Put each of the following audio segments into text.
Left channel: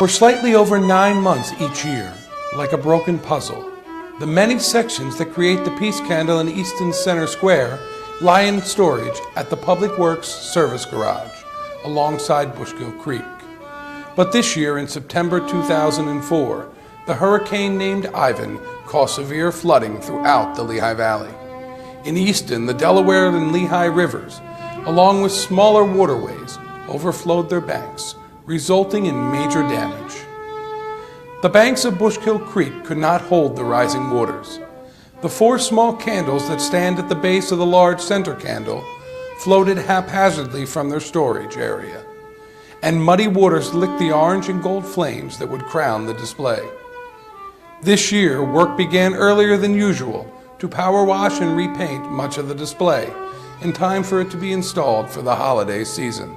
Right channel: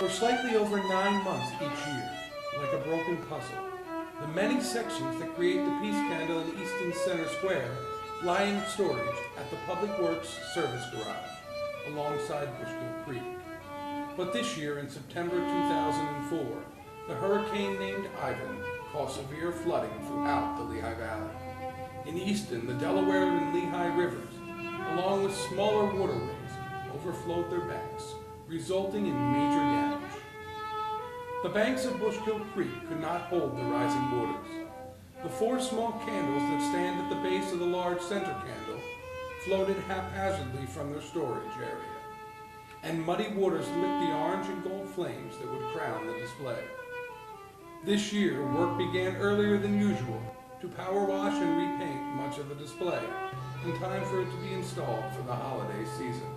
For slightly over 9 months each year, like a broken puzzle, the many sections that create the Peace Candle in Easton Center Square lie in storage at the Public Works Service Garage alongside Bushkill Creek. But this year, in September 2004, the hurricane named Ivan caused severe flooding throughout the Lehigh Valley. In Easton, the Delaware and Lehigh rivers, along with smaller waterways, overflowed their banks, resulting in major damage. The banks of Bushkill Creek could not hold the rising waters. The 4 small candles that stand at the base of the large center candle floated haphazardly from their storage area, and muddy waters licked the orange and gold flames that would crown the display. This year, work began earlier than usual to power wash and repaint much of the display in time for it to be installed for the holiday season.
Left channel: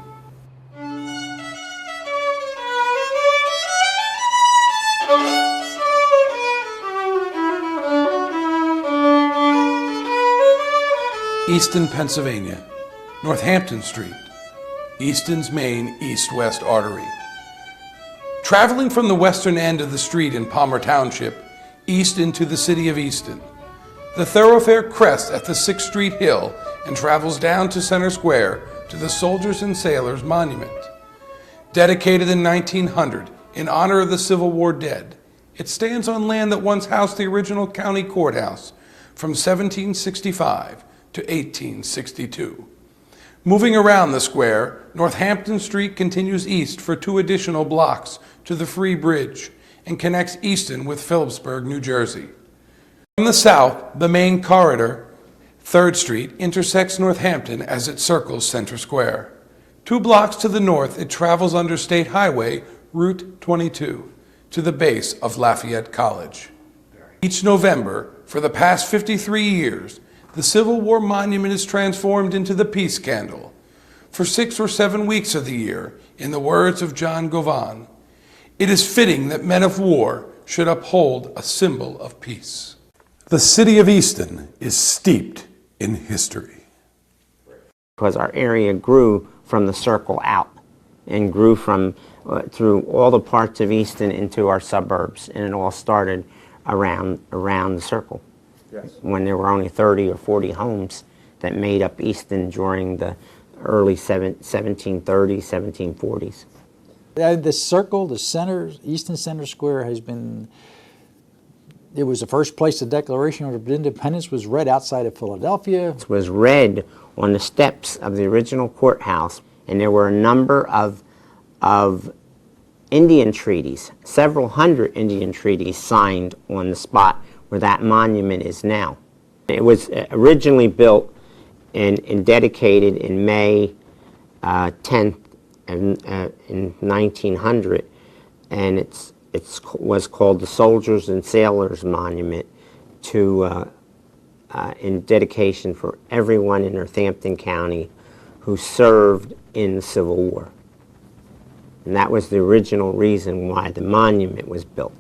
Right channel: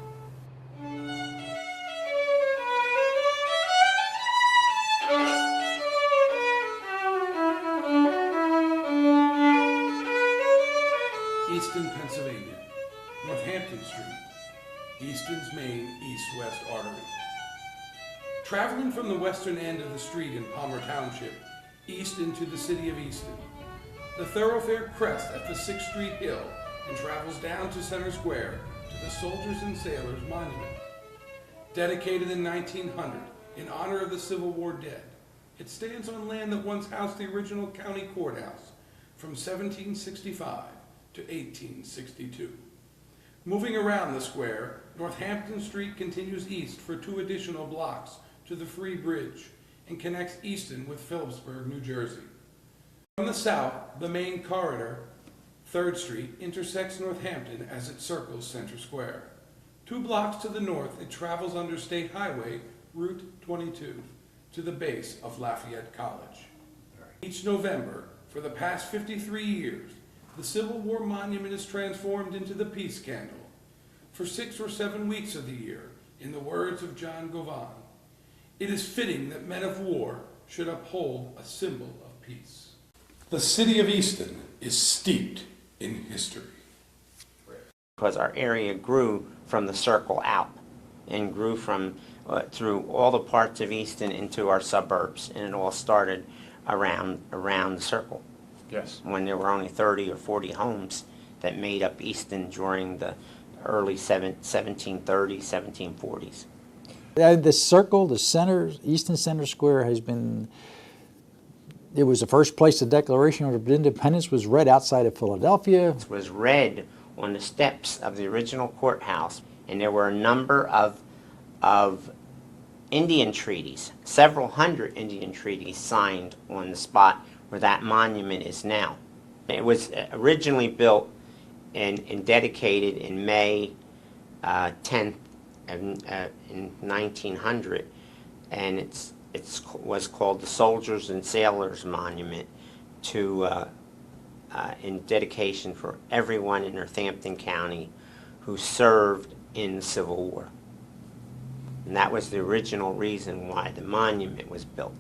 Easton, Pennsylvania, Northampton Street, Easton's main east-west artery. Traveling from the western end of the street in Palmer Township, east into the city of Easton, the thoroughfare crests at the 6th Street Hill and travels down to Center Square to the Soldiers and Sailors Monument. Dedicated in 1900 in honor of the Civil War dead, it stands on land that once housed the original county courthouse from 1765 to 1862. Moving around the square, Northampton Street continues east for 2 additional blocks to the Free Bridge and connects Easton with Phillipsburg, New Jersey. From the south, the main corridor, 3rd Street, intersects Northampton as it circles Center Square. 2 blocks to the north, it travels under State Highway, Route 22, to the base of Lafayette College. Each November, for the past 53 years, the Civil War Monument is transformed into the Peace Candle. For 6 or 7 weeks of the year, in the words of John Govan, it is fitting that men of war should uphold a symbol of peace. The city of Easton is steeped in history. Because our area grew from the circle out and grew from through all the parts of Easton into our suburbs, and it all started around the circle. Yes. When there were only 30 or 40 homes that made up Easton during the early 1730s, 1740s. The circle, the center, Easton Center Square has been, it was the first place the Declaration of Independence was read outside of Philadelphia. It was read on the steps of the original courthouse, and there were a number of Indian treaties, several hundred Indian treaties signed on the spot where that monument is now. It was originally built and dedicated in May 10th in 1900, and it was called the Soldiers and Sailors Monument in dedication for everyone in Northampton County who served in the Civil War. And that was the original reason why the monument was built.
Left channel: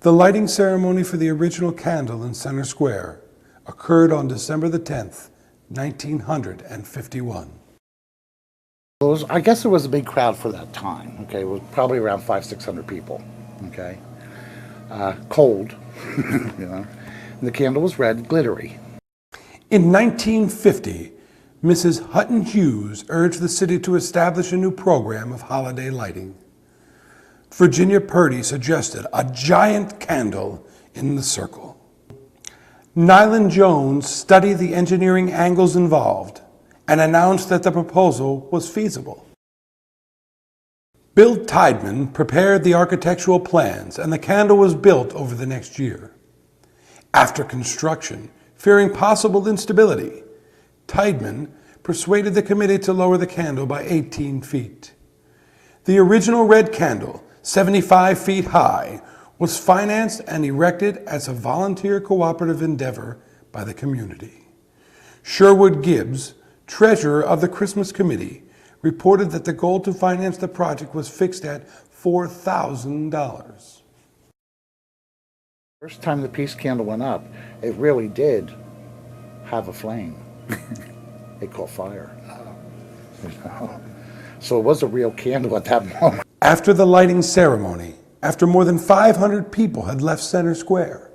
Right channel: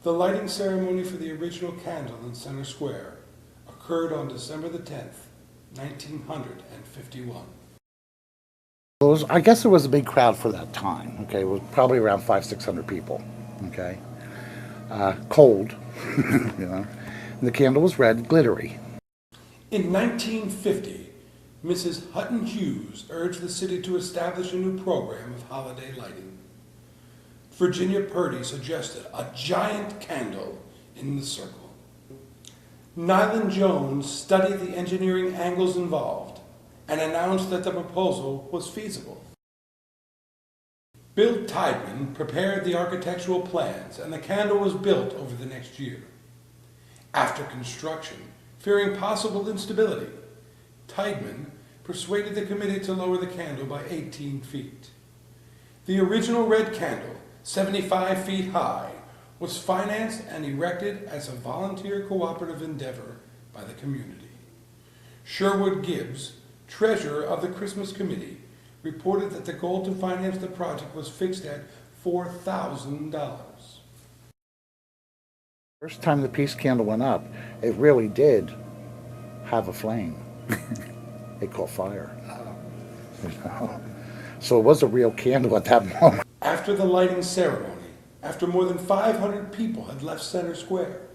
The lighting ceremony for the original candle in Center Square occurred on December the 10th, 1951. I guess it was a big crowd for that time. Okay, it was probably around 500-600 people. Okay, cold, you know. And the candle was red, glittery. In 1950, Mrs. Hutton Hughes urged the city to establish a new program of holiday lighting. Virginia Purdy suggested a giant candle in the circle. Nyland Jones studied the engineering angles involved and announced that the proposal was feasible. Bill Tideman prepared the architectural plans, and the candle was built over the next year. After construction, fearing possible instability, Tideman persuaded the committee to lower the candle by 18 feet. The original red candle, 75 feet high, was financed and erected as a volunteer cooperative endeavor by the community. Sherwood Gibbs, treasurer of the Christmas Committee, reported that the goal to finance the project was fixed at $4,000. First time the peace candle went up, it really did have a flame. It caught fire. You know? So it was a real candle at that moment. After the lighting ceremony, after more than 500 people had left Center Square,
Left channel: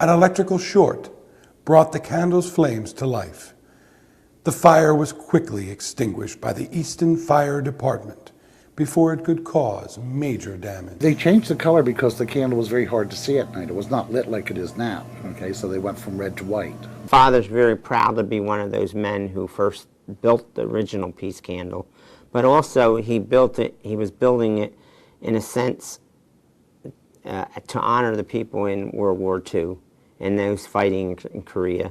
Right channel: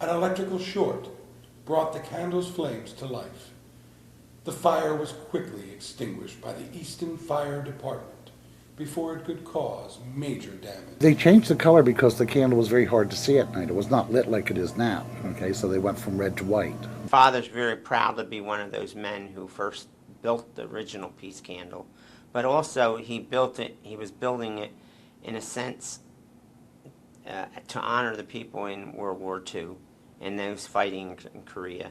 an electrical short brought the candle's flames to life. The fire was quickly extinguished by the Easton Fire Department before it could cause major damage. They changed the color because the candle was very hard to see at night. It was not lit like it is now, okay? So they went from red to white. Father's very proud to be one of those men who first built the original peace candle, but also he was building it in a sense to honor the people in World War II and those fighting in Korea.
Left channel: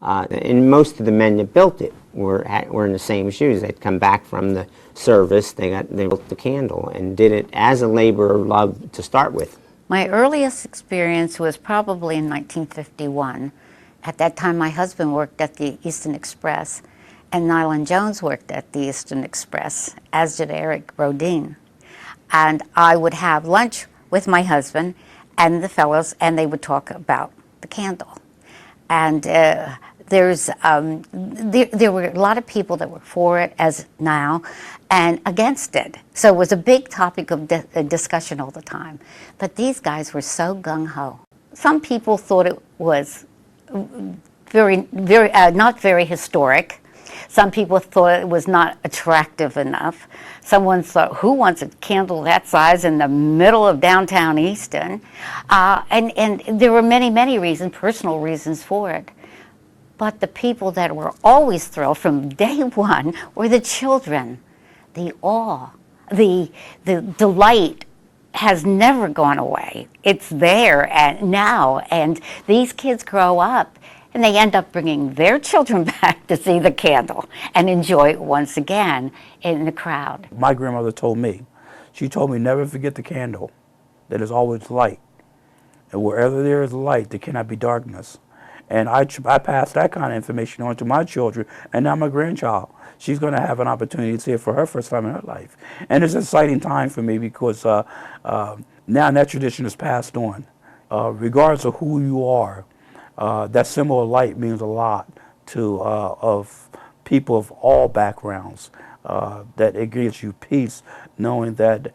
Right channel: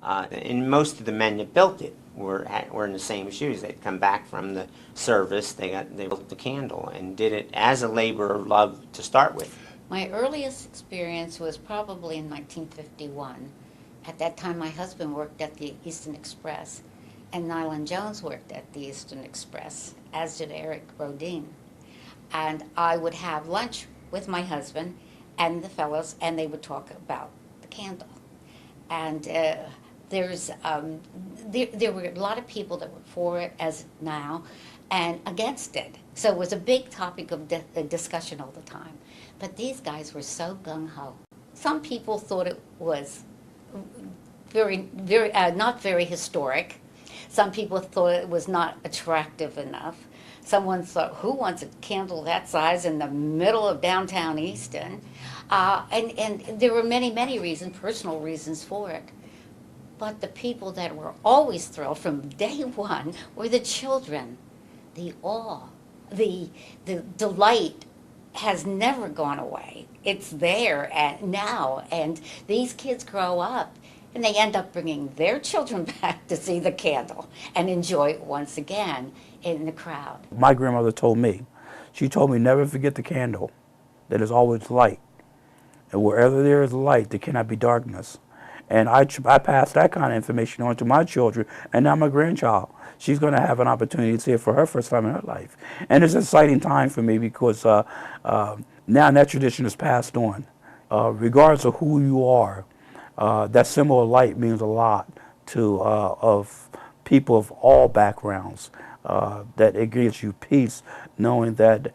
And most of the men that built it were in the same shoes. They'd come back from the service, they built the candle and did it as a labor of love to start with. My earliest experience was probably in 1951. At that time, my husband worked at the Easton Express, and Nyland Jones worked at the Easton Express, as did Eric Brodeen. And I would have lunch with my husband and the fellows, and they would talk about the candle. And there were a lot of people that were for it, as now, and against it. So it was a big topic of discussion all the time. But these guys were so gung-ho. Some people thought it was not very historic. Some people thought it was not attractive enough. Someone thought, who wants a candle that size in the middle of downtown Easton? And there were many, many reasons, personal reasons for it. But the people that were always thrilled from day one were the children. The awe, the delight has never gone away. It's there now, and these kids grow up and they end up bringing their children back to see the candle and enjoy it once again in the crowd. My grandmother told me, she told me never forget the candle, that is always light. And wherever there is light, there cannot be darkness. And I passed that kind of information on to my children, and now my grandchild. She's going to have an opportunity to see it for her first time in her life. And it's an exciting time for me because now that tradition is passed on. Regardless of who you are, that symbol of light means a lot to of people of all backgrounds. That it gives you peace knowing that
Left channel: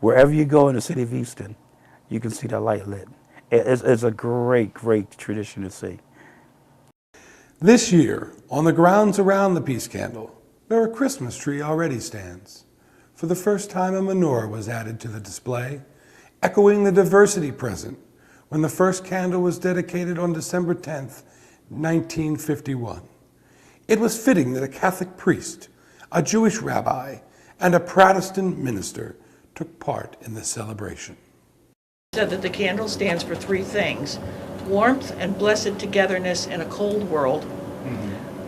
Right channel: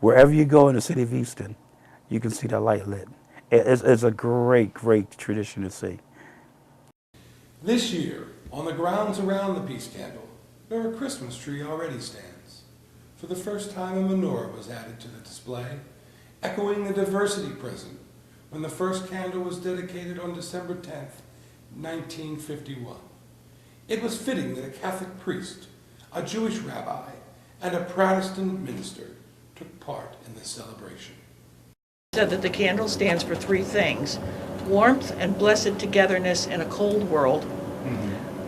wherever you go in the city of Easton, you can see that light lit. It's a great, great tradition to see. This year, on the grounds around the peace candle, where a Christmas tree already stands. For the first time, a menorah was added to the display, echoing the diversity present when the first candle was dedicated on December 10th, 1951. It was fitting that a Catholic priest, a Jewish rabbi, and a Protestant minister took part in the celebration. Said that the candle stands for three things: warmth and blessed togetherness in a cold world,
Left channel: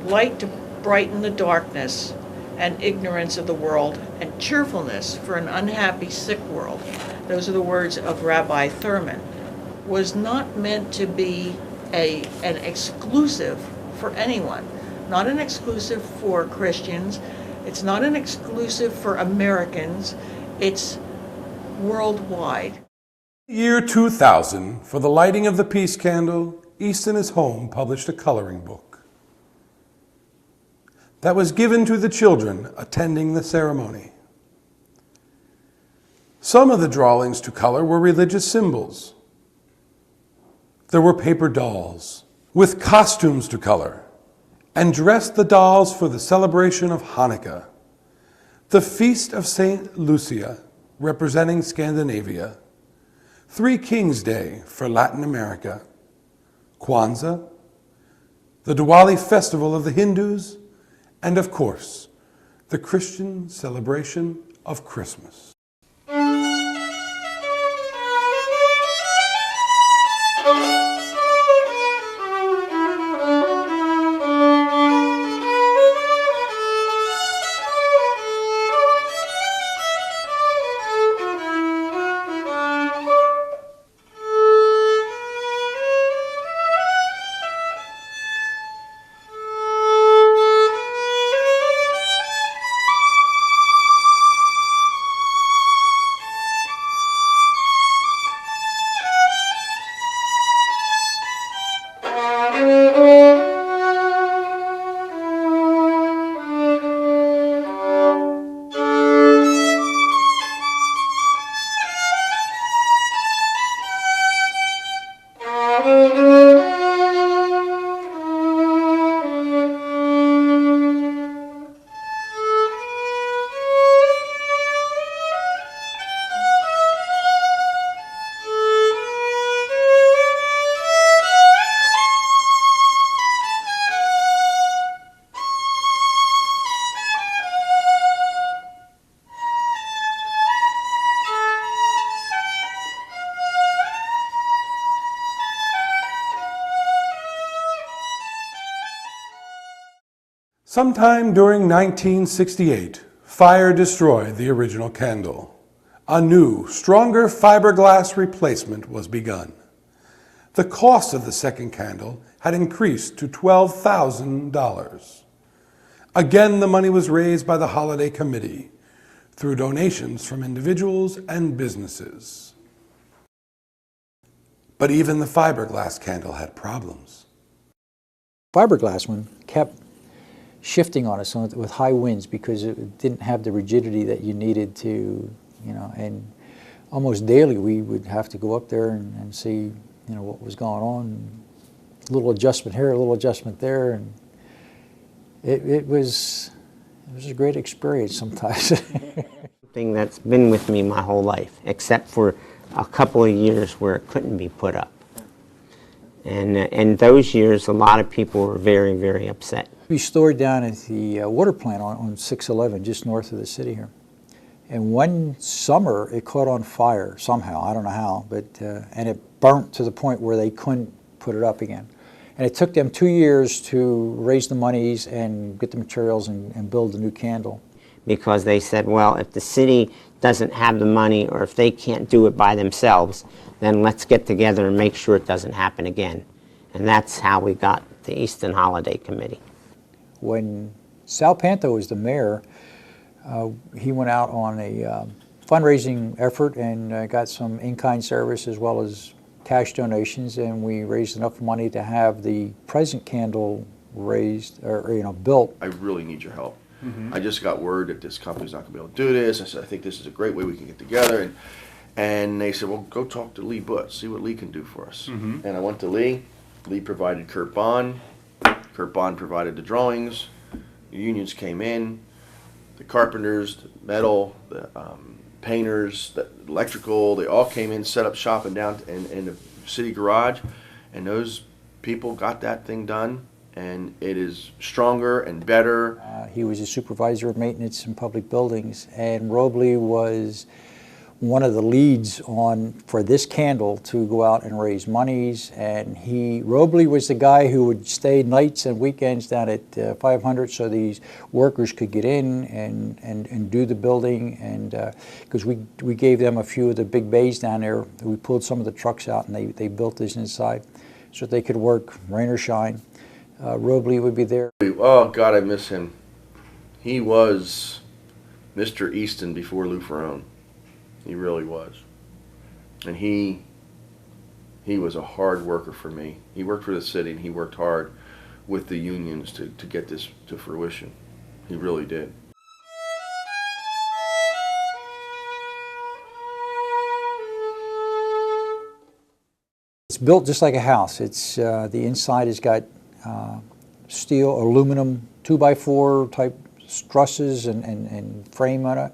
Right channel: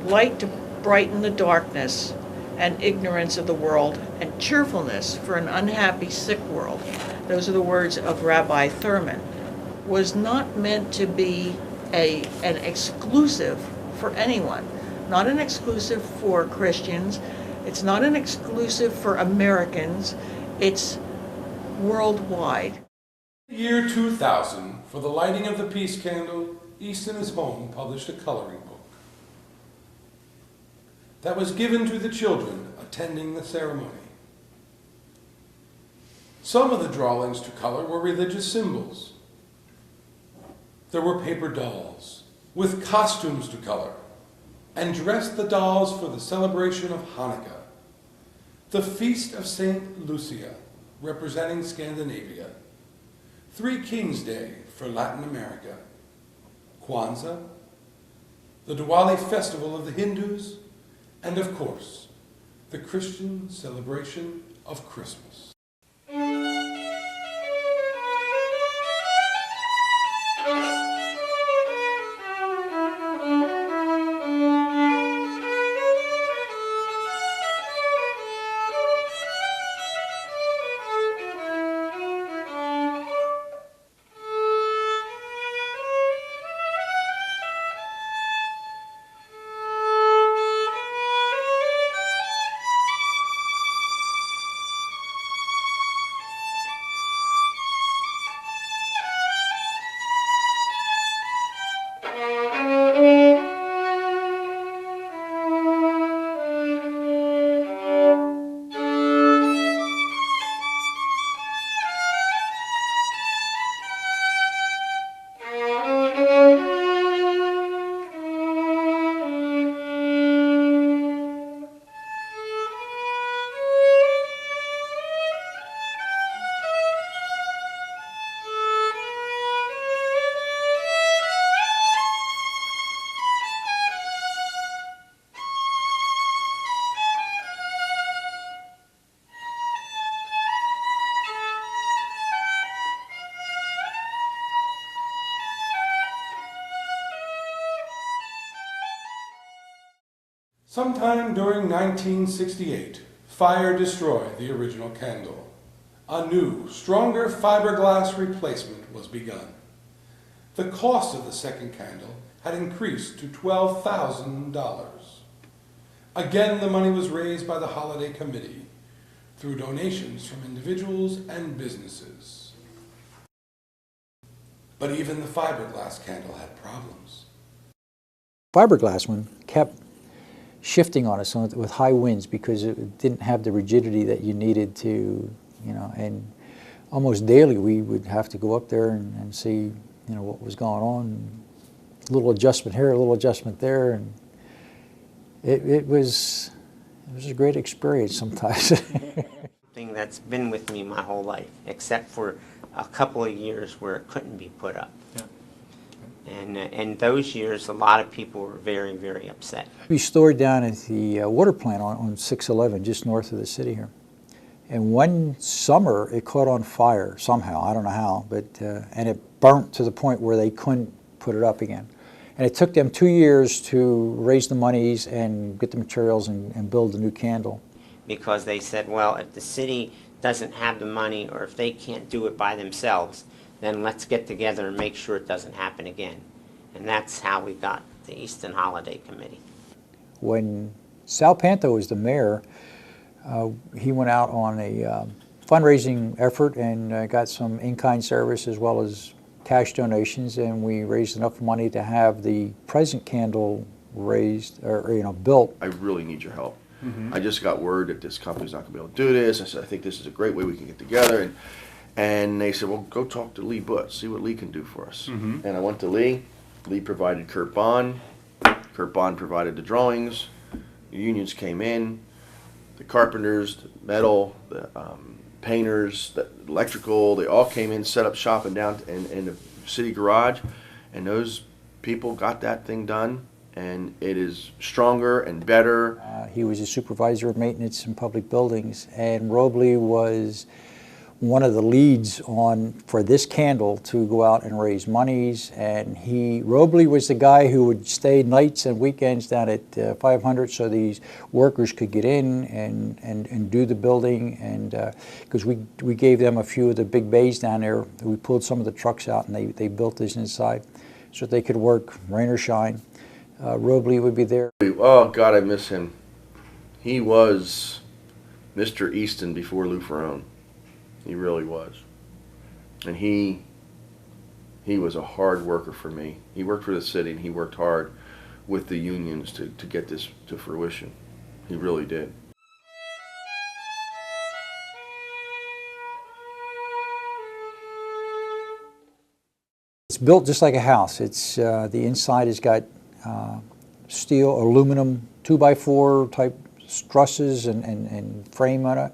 light to brighten the darkness and ignorance of the world, and cheerfulness for an unhappy, sick world. Those are the words of Rabbi Thurman. Was not meant to be an exclusive for anyone, not an exclusive for Christians, it's not an exclusive for Americans, it's worldwide. Year 2000, for the lighting of the peace candle, Easton is Home published a coloring book that was given to the children attending the ceremony. Some of the drawings to color were religious symbols. There were paper dolls with costumes to color, and dressed the dolls for the celebration of Hanukkah, the Feast of St. Lucia, representing Scandinavia, Three Kings Day for Latin America, Kwanzaa, the Diwali festival of the Hindus, and of course, the Christian celebration of Christmas. Sometime during 1968, fire destroyed the original candle. A new, stronger fiberglass replacement was begun. The cost of the second candle had increased to $12,000. Again, the money was raised by the holiday committee through donations from individuals and businesses. But even the fiberglass candle had problems. Fiberglass one kept shifting on us with high winds because it didn't have the rigidity that you needed to, and almost daily we would have to go up there and see, what was going on. A little adjustment here, a little adjustment there, and it was a great experience sometimes. Thing that's been with me my whole life, except for a couple of years where it couldn't be put up. And those years, a lot of people were very, very upset. We stored down at the water plant on 611, just north of the city here. And one summer, it caught on fire somehow. I don't know how, but and it burnt to the point where they couldn't put it up again. And it took them 2 years to raise the monies and get the materials and build the new candle. Because they said, well, if the city doesn't have the money or if they can't do it by themselves, then let's get together and make sure it doesn't happen again. And that's how we got the Easton Holiday Committee. When Sal Panto was the mayor, he went out on a fundraising effort and got some in-kind service as well as cash donations, and we raised enough money to have the present candle raised or built. I really need your help. I just got word that this company's not going to be able to do this. I said, I think this is a great way we can get together. And they said, well, go talk to Lee Butts, see what Lee can do for us. And I went to Lee. Lee provided Kurt Bond. Kurt Bond provided the drawings. The unions came in. The carpenters, the metal, the painters, the electrical, they all came in, set up shop in the city garage. And those people got that thing done. And it is stronger and better. He was a supervisor of maintenance in public buildings, and Robley was one of the leads for this candle to go out and raise monies. And Robley was the guy who would stay nights and weekends down at 500 so these workers could get in and do the building. And because we gave them a few of the big bays down there, we pulled some of the trucks out and they built this inside so they could work rain or shine. Robley would be there. Oh, God, I miss him. He was Mr. Easton before Lou Ferrone. He really was. And he was a hard worker for me. He worked for the city, and he worked hard with the unions to get this to fruition. He really did. It's built just like a house. It's the inside has got steel, aluminum, 2x4 type trusses and frame on it.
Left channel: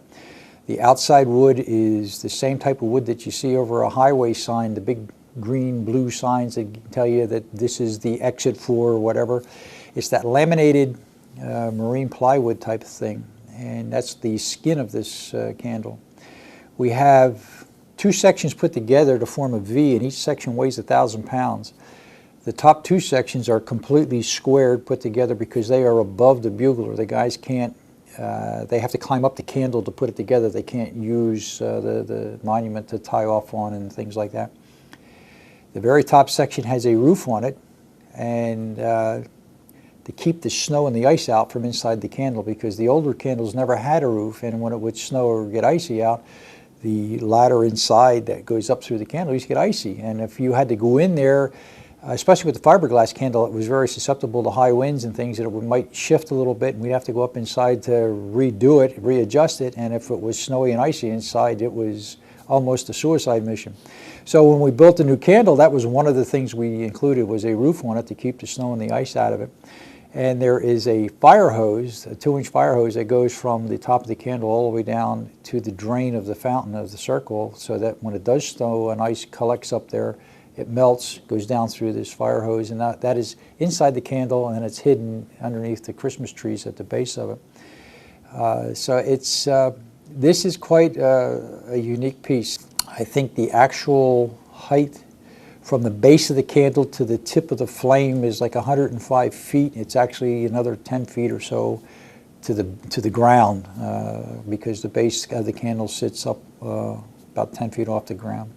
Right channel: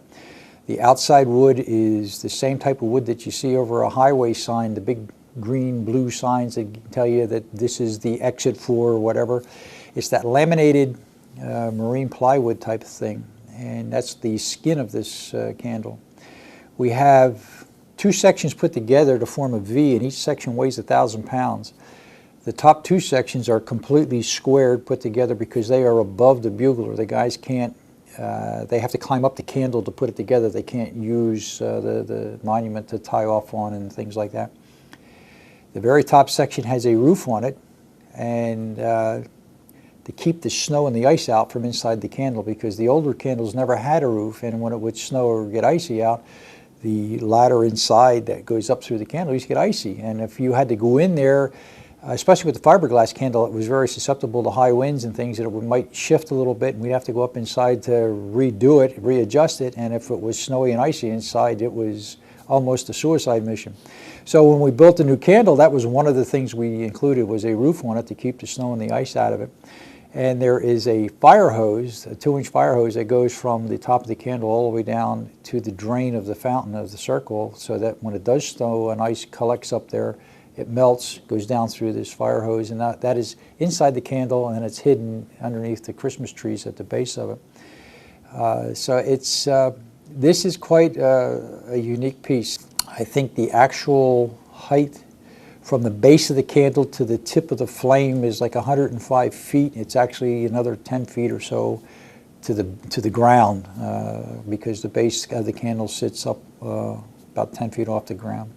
The outside wood is the same type of wood that you see over a highway sign, the big green, blue signs that tell you that this is the exit for whatever. It's that laminated marine plywood type of thing. and that's the skin of this candle. We have 2 sections put together to form a V, and each section weighs 1,000 pounds. The top 2 sections are completely squared, put together because they are above the bugler. The guys can't, they have to climb up the candle to put it together. They can't use the monument to tie off on and things like that. The very top section has a roof on it, and to keep the snow and the ice out from inside the candle, because the older candles never had a roof, and when it would snow or get icy out, the ladder inside that goes up through the candle used to get icy. And if you had to go in there, especially with the fiberglass candle, it was very susceptible to high winds and things, that it might shift a little bit, and we'd have to go up inside to redo it, readjust it, and if it was snowy and icy inside, it was almost a suicide mission. So when we built the new candle, that was one of the things we included, was a roof on it to keep the snow and the ice out of it. And there is a fire hose, a 2-inch fire hose that goes from the top of the candle all the way down to the drain of the fountain of the circle, so that when it does snow and ice collects up there, it melts, goes down through this fire hose, and that is inside the candle, and it's hidden underneath the Christmas trees at the base of it. So it's, this is quite a unique piece. I think the actual height from the base of the candle to the tip of the flame is like 105 feet. It's actually another 10 feet or so to the ground, because the base of the candle sits up about 10 feet off the ground.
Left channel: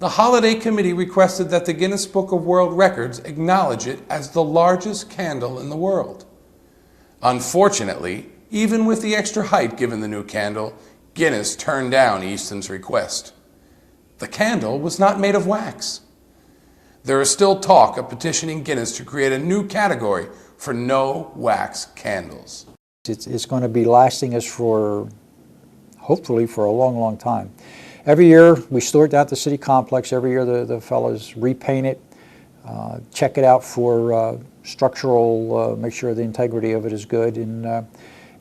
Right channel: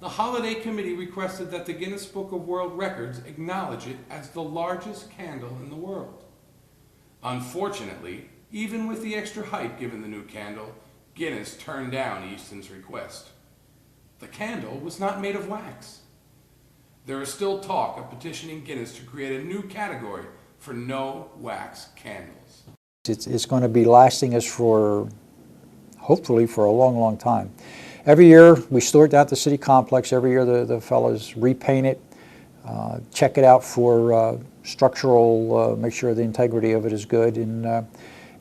The Holiday Committee requested that the Guinness Book of World Records acknowledge it as the largest candle in the world. Unfortunately, even with the extra height given the new candle, Guinness turned down Easton's request. The candle was not made of wax. There is still talk of petitioning Guinness to create a new category for no wax candles. It's going to be lasting us for, hopefully, for a long, long time. Every year we store it down at the city complex. Every year the fellows repaint it, check it out for structural, make sure the integrity of it is good. And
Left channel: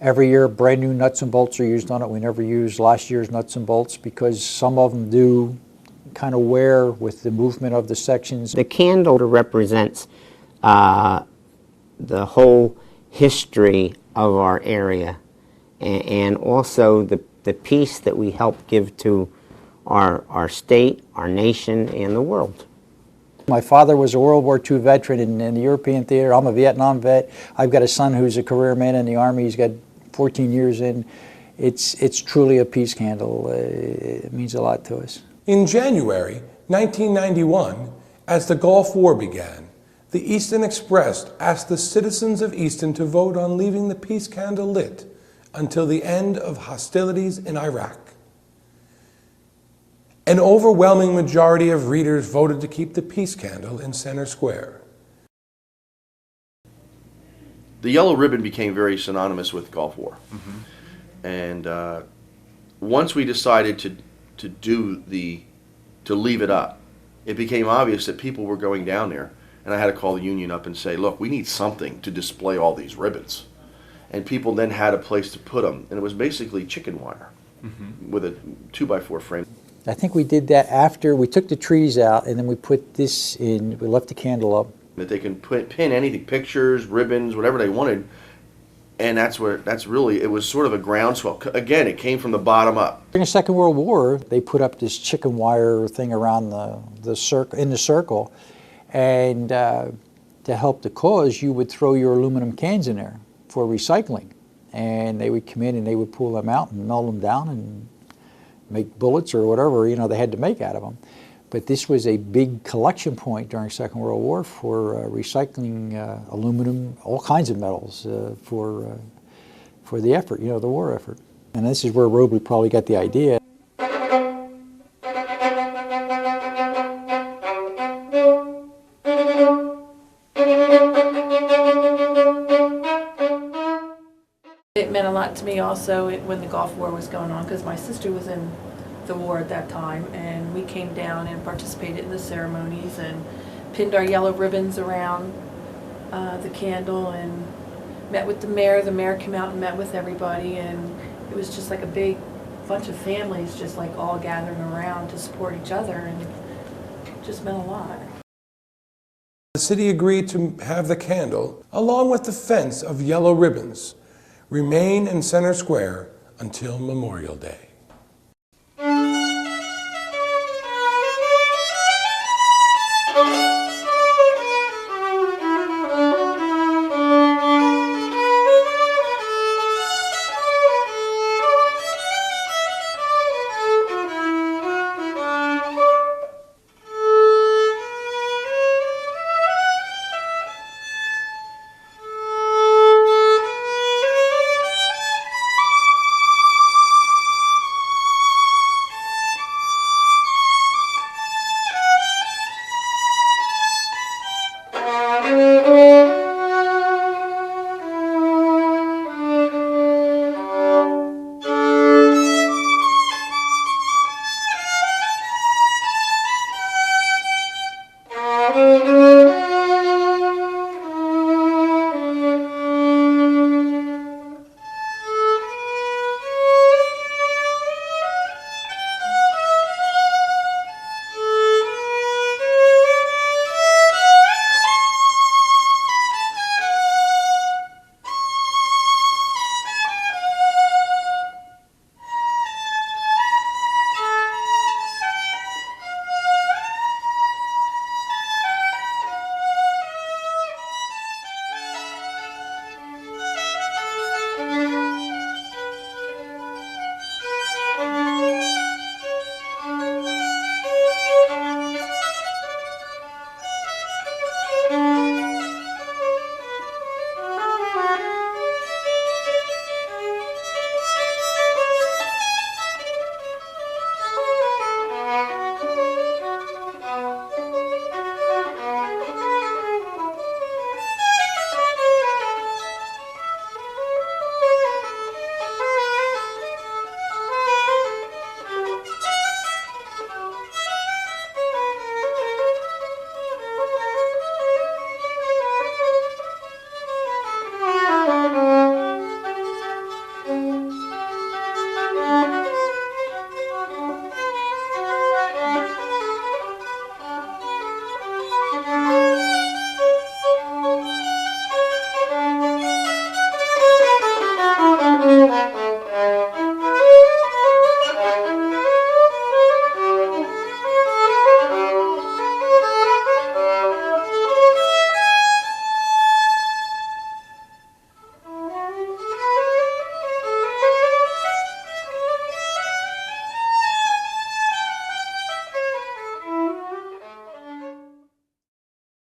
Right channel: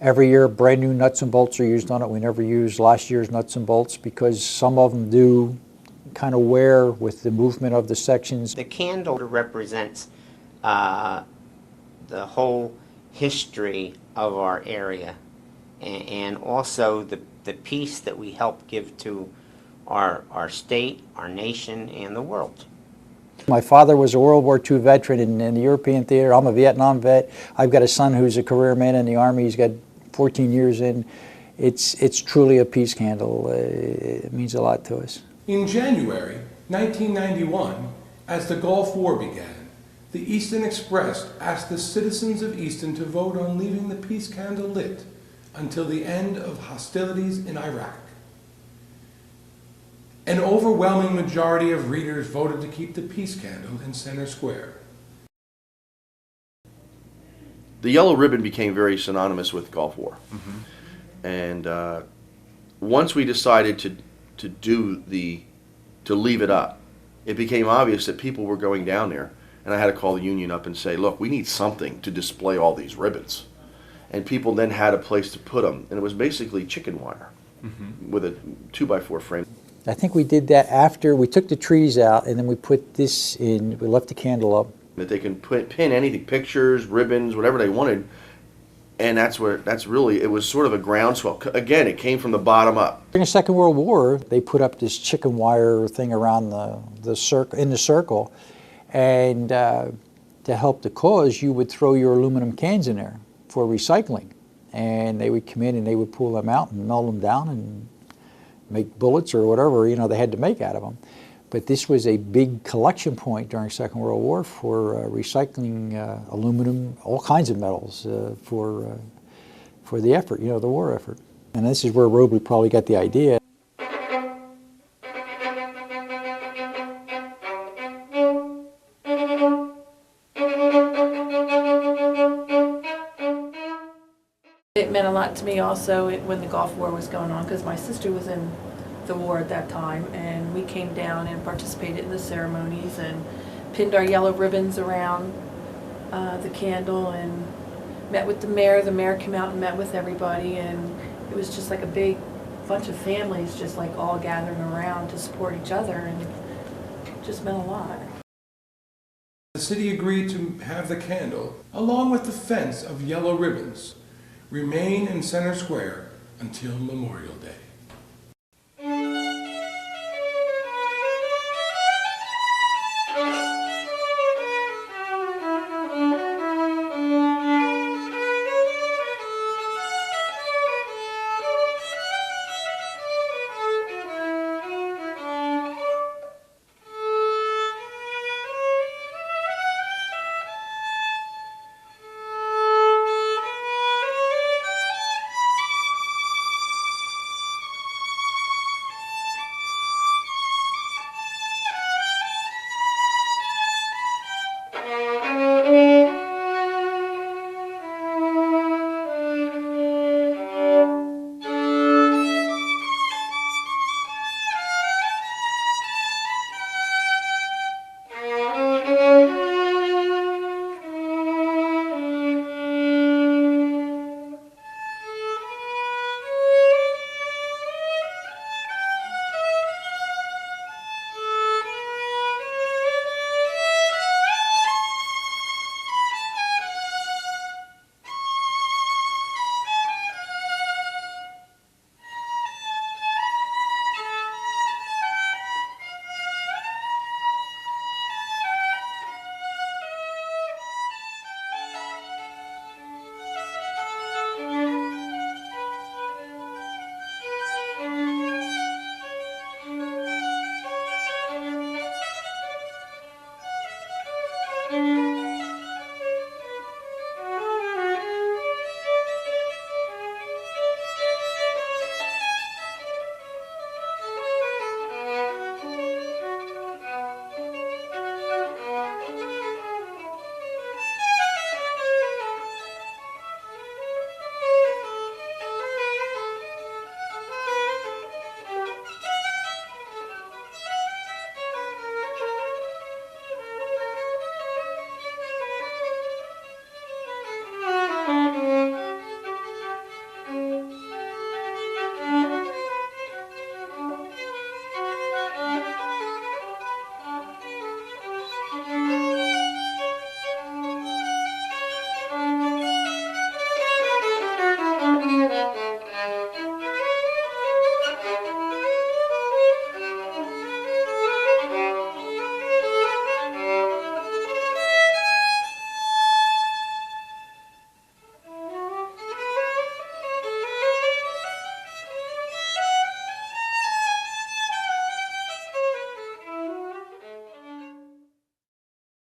every year brand new nuts and bolts are used on it. We never use last year's nuts and bolts because some of them do kind of wear with the movement of the sections. The candle represents the whole history of our area, and also the peace that we help give to our state, our nation, and the world. My father was a World War II veteran in the European theater. I'm a Vietnam vet. I've got a son who's a career man in the Army. He's got 14 years in. It's truly a peace candle. It means a lot to us. In January 1991, as the Gulf War began, the Easton Express asked the citizens of Easton to vote on leaving the peace candle lit until the end of hostilities in Iraq. An overwhelming majority of readers voted to keep the peace candle in center square. The yellow ribbon became very synonymous with Gulf War. Mm-hmm. And once we decided to leave it up, it became obvious that people were going down there, and I had to call the union up and say, look, we need something to display all these ribbons. And people then had a place to put them, and it was basically chicken wire with a 2x4 frame. I think we did that after we took the trees out, and then we put this in, we left the candle up. That they can pin anything, pictures, ribbons, whatever they wanted. And that's really, it was sort of a groundswell. Again, it came from the bottom up. During the Second World War, they put up this chicken wire thing around the circle, and to help the cause, you would throw your aluminum cans in there for recycling, and they would come in and they would pull them out and melt them down and make bullets or whatever they had to make out of them. But this was a big collection point during Second World War for recycling aluminum, all kinds of metals for the effort, the war effort. And this is where Robley probably got the idea. It meant a lot to me also when the Gulf War was going on, because my sister was in the war at that time, and we came down and participated in the ceremonies and pinned our yellow ribbons around the candle and met with the mayor. The mayor came out and met with everybody, and it was just like a big bunch of families just like all gathering around to support each other, and it just meant a lot. The city agreed to have the candle, along with the fence of yellow ribbons, remain in Center Square until Memorial Day.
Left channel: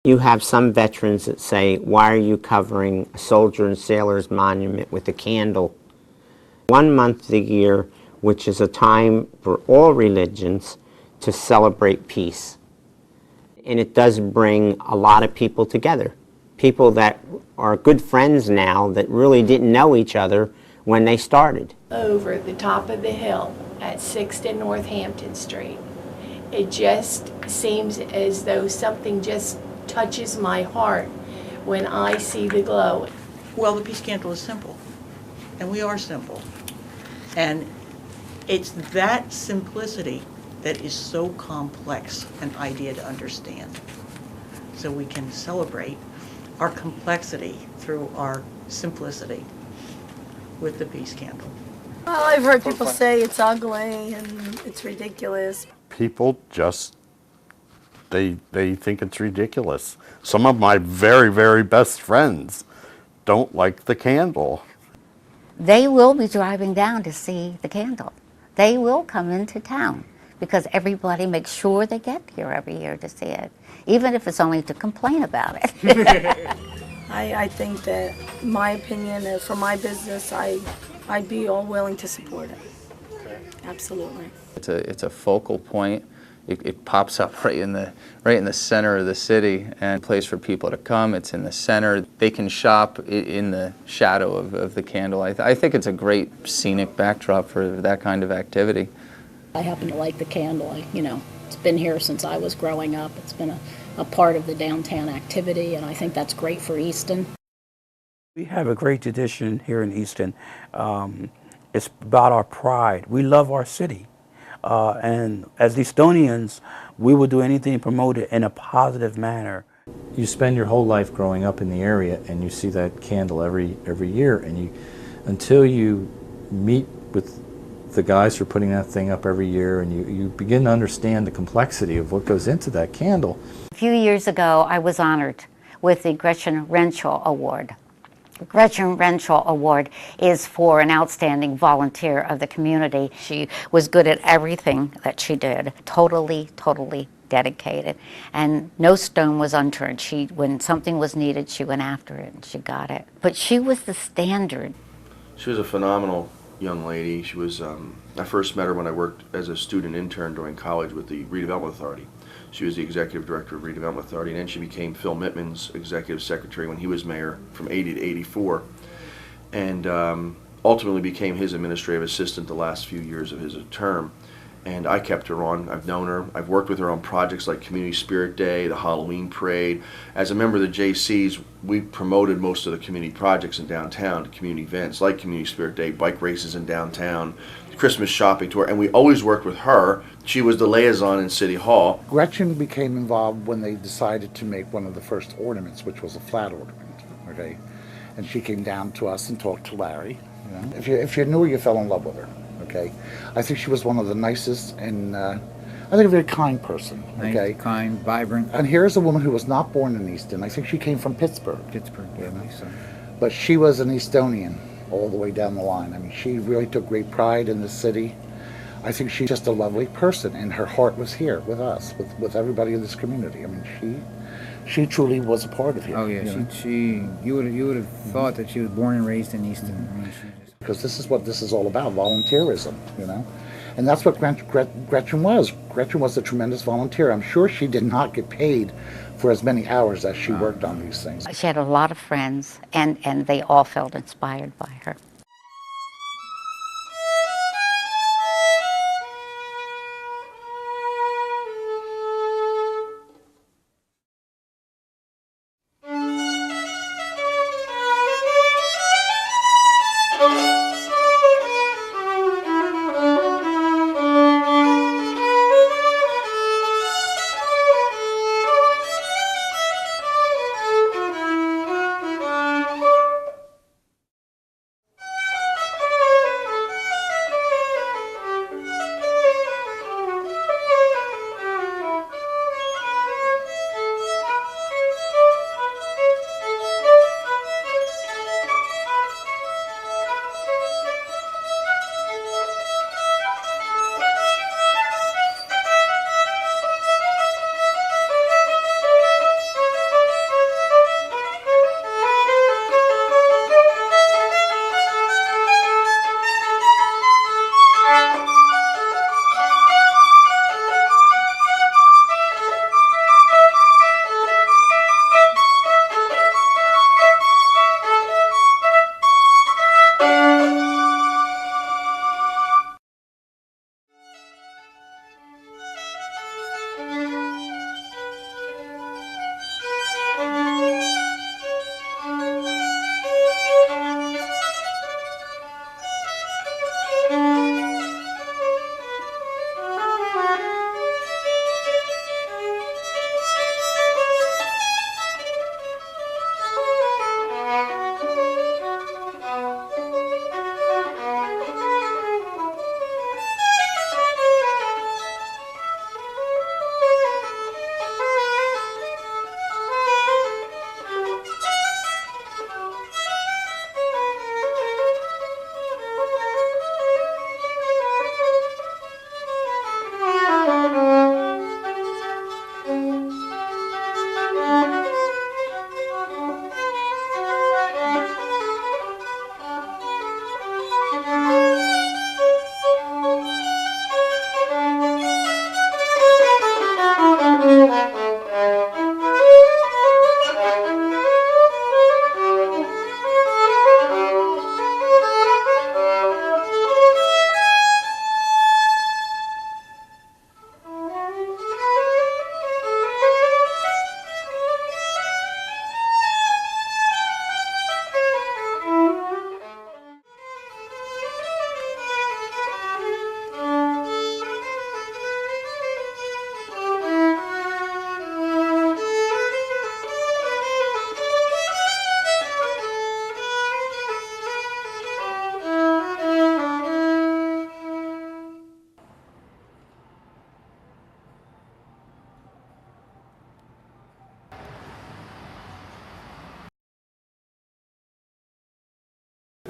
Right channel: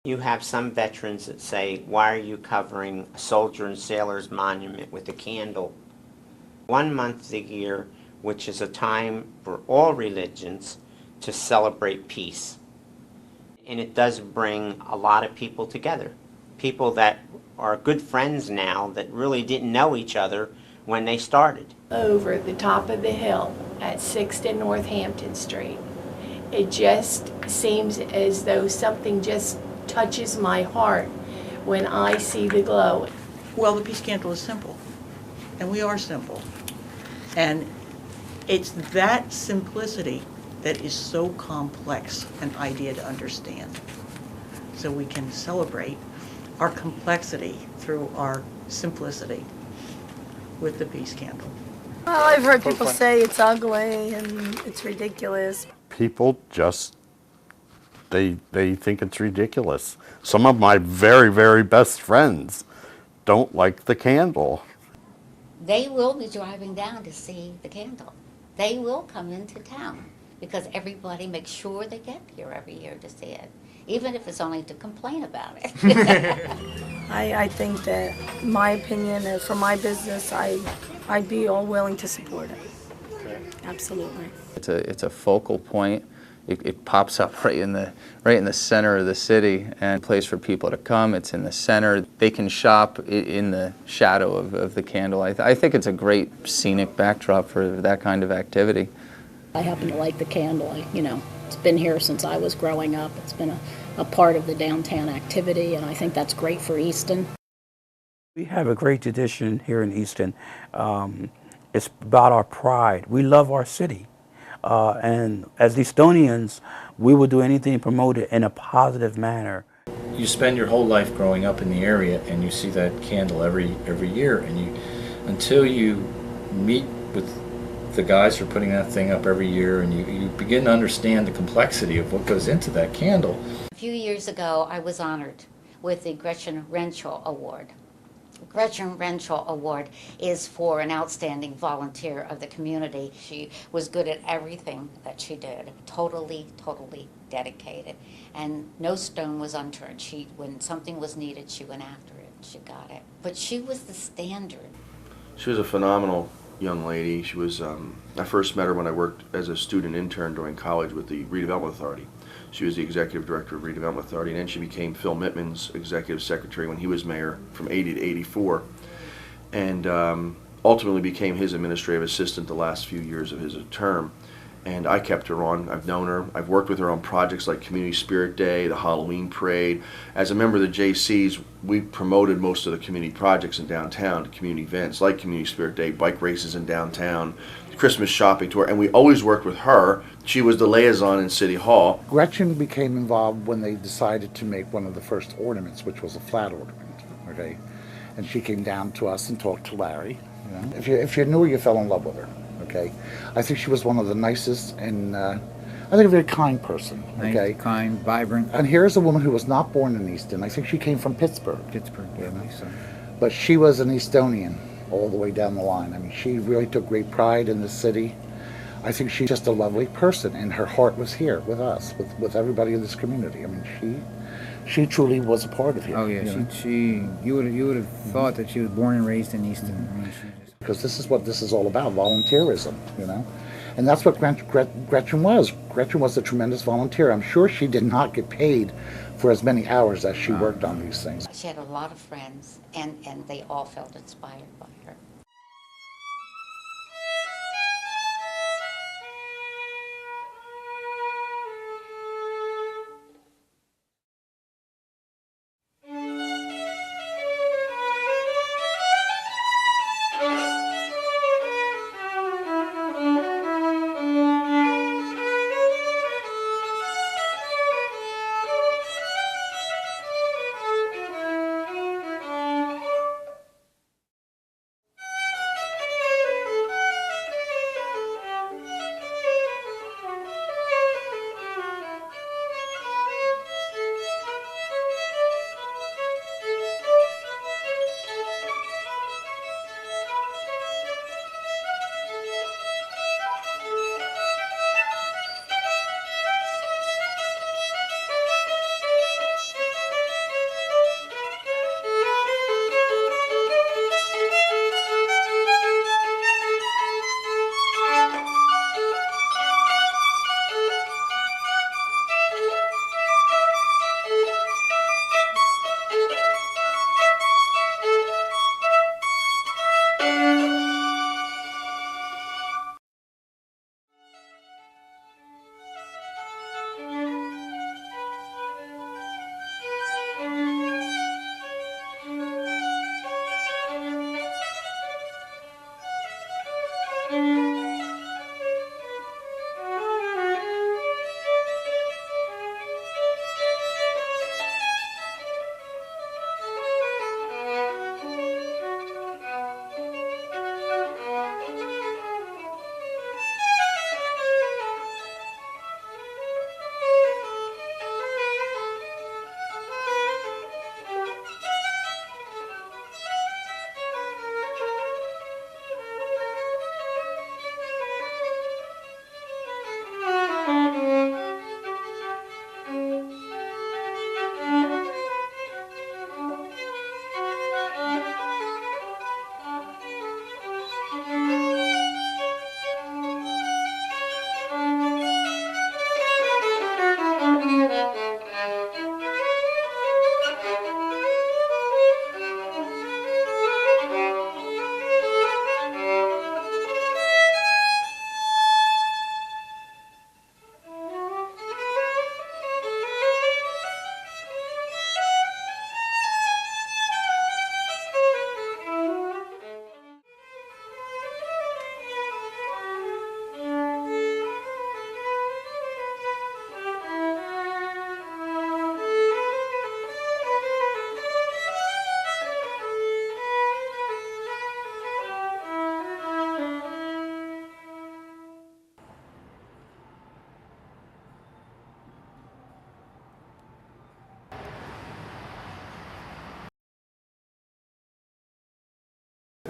You have some veterans that say, why are you covering a soldier and sailor's monument with a candle? 1 month of the year, which is a time for all religions to celebrate peace. And it does bring a lot of people together. People that are good friends now that really didn't know each other when they started. Over at the top of the hill at 6th and Northampton Street. It just seems as though something just touches my heart when I see the glow. Well, the peace candle is simple, and we are simple. And it's that simplicity that is so complex an idea to understand. So we can celebrate our complexity through our simplicity with the peace candle. Well, I've heard people say it's ugly and it's ridiculous. People just, they think it's ridiculous. Some of my very, very best friends don't like the candle. They will be driving down to see the candle. They will come into town because everybody makes sure they get here every year to see it, even if it's only to complain about it. I think that, in my opinion, for my business, I'd be all willing to support it. Absolutely. It's a focal point. It pops up right in the center of the city, and a place for people to come. It's in the center. They can shop in the shadow of the candle. I think it's a great scenic backdrop for that kind of activity. I happen to like the candle. It's been here since I was growing up. It's been a part of the downtown activity, and I think that's great for Easton. We have a great tradition here in Easton. It's about our pride. We love our city. And as Eastonians, we will do anything to promote it in a positive manner. You spend your whole life growing up in the area, and you see that candle every year, and until you meet with the guys who are putting that thing up every year and you begin to understand the complexity of what goes into that candle. A few years ago, I was honored with the Gretchen Renshaw Award. Gretchen Renshaw Award is for an outstanding volunteer of the community. She was good at everything that she did, totally dedicated, and no stone was unturned. When something was needed, she went after it and she got it. But she was the standard. She was a phenomenal young lady. She was, I first met her when I worked as a student intern during college with the Redevelopment Authority. She was the executive director of Redevelopment Authority, and then she became Phil Mittman's executive secretary when he was mayor from 80 to 84, and ultimately became his administrative assistant the last few years of his term. And I kept her on. I've known her. I've worked with her on projects like Community Spirit Day, the Halloween Parade. As a member of the JCs, we promoted most of the community projects in downtown to community events like Community Spirit Day, bike races in downtown, Christmas shopping tour, and we always worked with her. She was the liaison in City Hall. Gretchen became involved when they decided to make one of the first ornaments, which was a flat ornament, okay? And she came down to us and talked to Larry. You know? If you knew her, you fell in love with her. Okay, I think she was one of the nicest and I think a very kind person. Okay, nice, kind, vibrant. And here's a woman who was not born in Easton. I think she came from Pittsburgh. Pittsburgh, yeah, nice. But she was an Eastonian all the way down the line. I mean, she really took great pride in the city. I think she's just a lovely person, and her heart was here with us, with everybody in this community. I mean, she truly was a part of here. Oh yeah, you would have thought that she was born and raised in Easton. I mean, because this is what this is all about, volunteerism, you know? And that's what Gretchen was. Gretchen was a tremendous volunteer. I'm sure she did not get paid for as many hours as she worked on these things. She had a lot of friends, and they all felt inspired by her.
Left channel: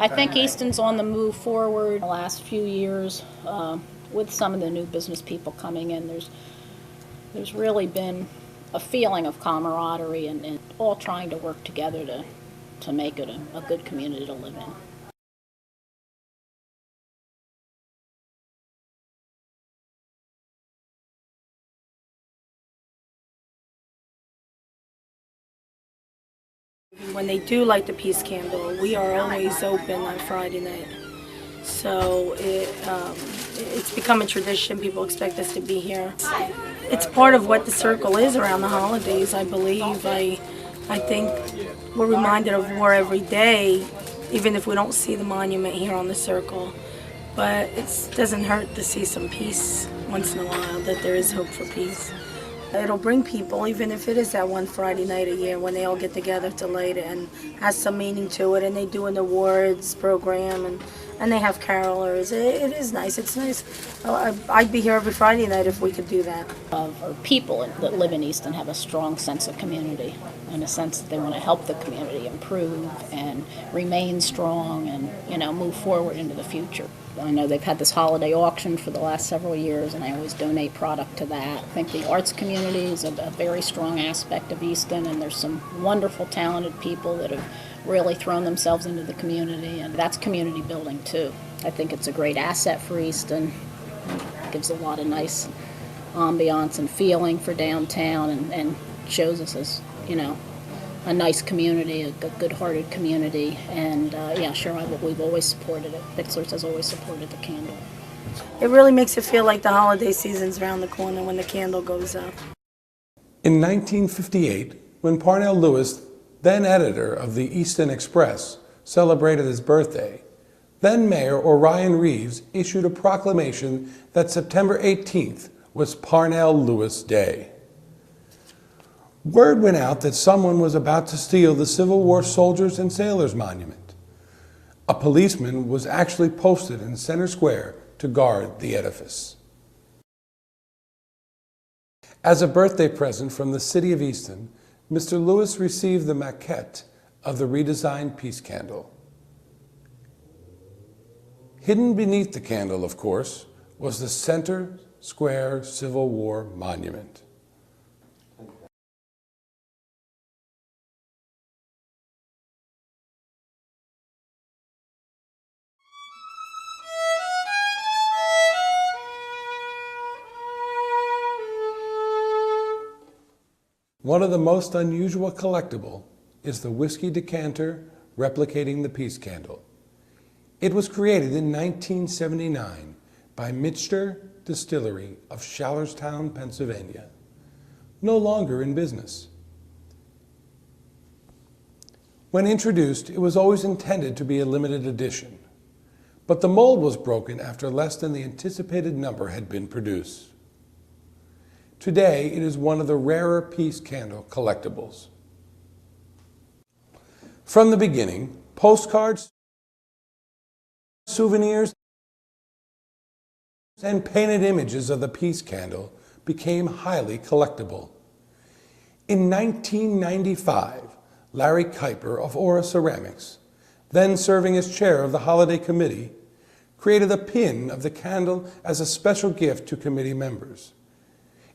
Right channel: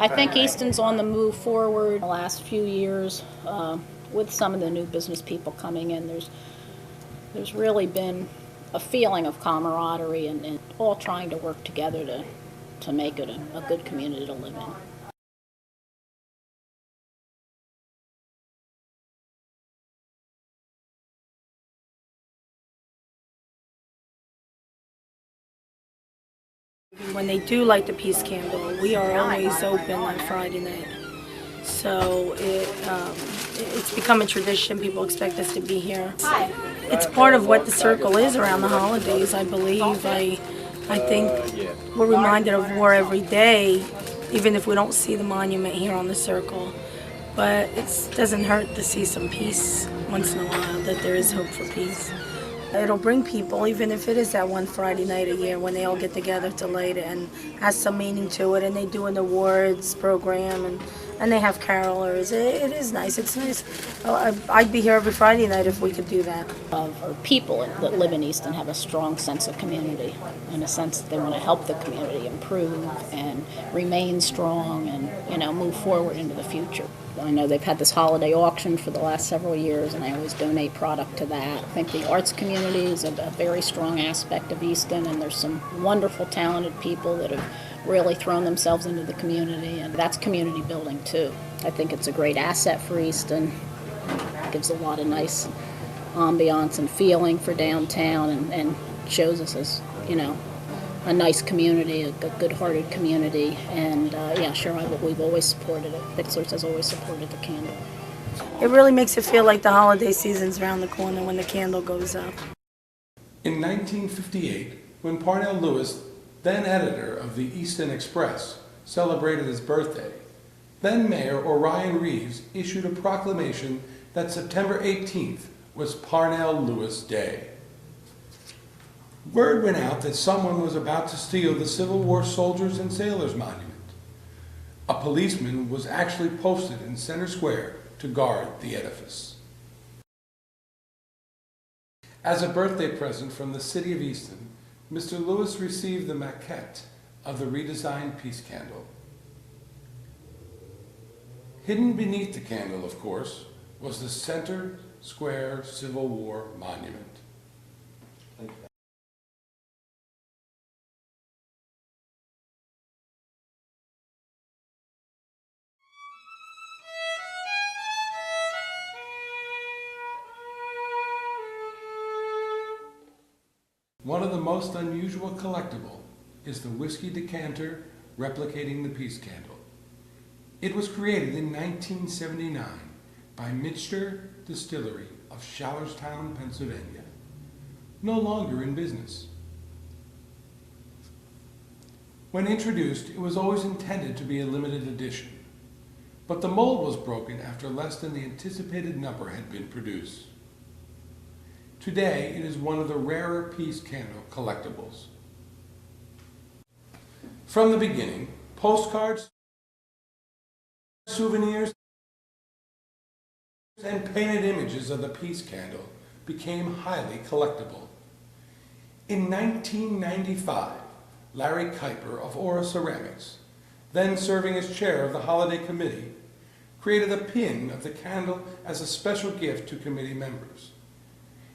I think Easton's on the move forward the last few years with some of the new business people coming in. There's really been a feeling of camaraderie and all trying to work together to make it a good community to live in. When they do light the peace candle, we are always open on Friday night. So it's become a tradition. People expect us to be here. It's part of what the circle is around the holidays, I believe. I think we're reminded of war every day, even if we don't see the monument here on the circle. But it doesn't hurt to see some peace once in a while, that there is hope for peace. It'll bring people, even if it is that one Friday night a year when they all get together to light it, and has some meaning to it, and they do an awards program, and they have carolers. It is nice. It's nice. I'd be here every Friday night if we could do that. Or people that live in Easton have a strong sense of community, in a sense that they want to help the community improve and remain strong and move forward into the future. I know they've had this holiday auction for the last several years, and I always donate product to that. I think the arts community is a very strong aspect of Easton, and there's some wonderful, talented people that have really thrown themselves into the community, and that's community building too. I think it's a great asset for Easton. It gives a lot of nice ambiance and feeling for downtown, and shows us as, a nice community, a good-hearted community, and we've always supported it. Bixler's has always supported the candle. It really makes it feel like the holiday season's around the corner when the candle goes up. In 1958, when Parnell Lewis, then editor of the Easton Express, celebrated his birthday, then Mayor Orion Reeves issued a proclamation that September 18th was Parnell Lewis Day. Word went out that someone was about to steal the Civil War Soldiers and Sailors Monument. A policeman was actually posted in Center Square to guard the edifice. As a birthday present from the city of Easton, Mr. Lewis received the maquette of the redesigned peace candle. Hidden beneath the candle, of course, was the Center Square Civil War Monument. One of the most unusual collectible is the whiskey decanter replicating the peace candle. It was created in 1979 by Mitchter Distillery of Schallerstown, Pennsylvania, no longer in business. When introduced, it was always intended to be a limited edition, but the mold was broken after less than the anticipated number had been produced. Today, it is one of the rarer peace candle collectibles. From the beginning, postcards, souvenirs, and painted images of the peace candle became highly collectible. In 1995, Larry Kuiper of Aura Ceramics, then serving as chair of the holiday committee, created a pin of the candle as a special gift to committee members.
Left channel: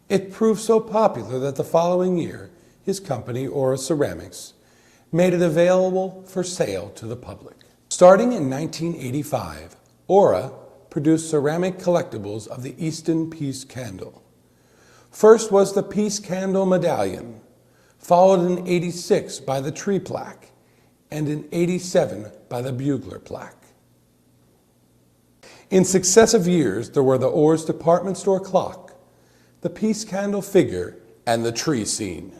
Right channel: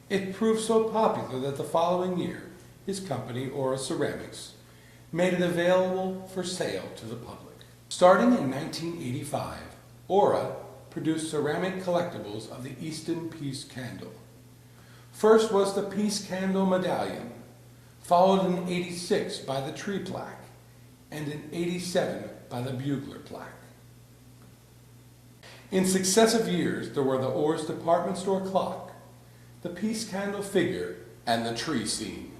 It proved so popular that the following year, his company, Aura Ceramics, made it available for sale to the public. Starting in 1985, Aura produced ceramic collectibles of the Easton Peace Candle. First was the Peace Candle Medallion, followed in '86 by the Tree Plaque, and in '87 by the Bugler Plaque. In successive years, there were the Orr's department store clock, the peace candle figure, and the tree scene.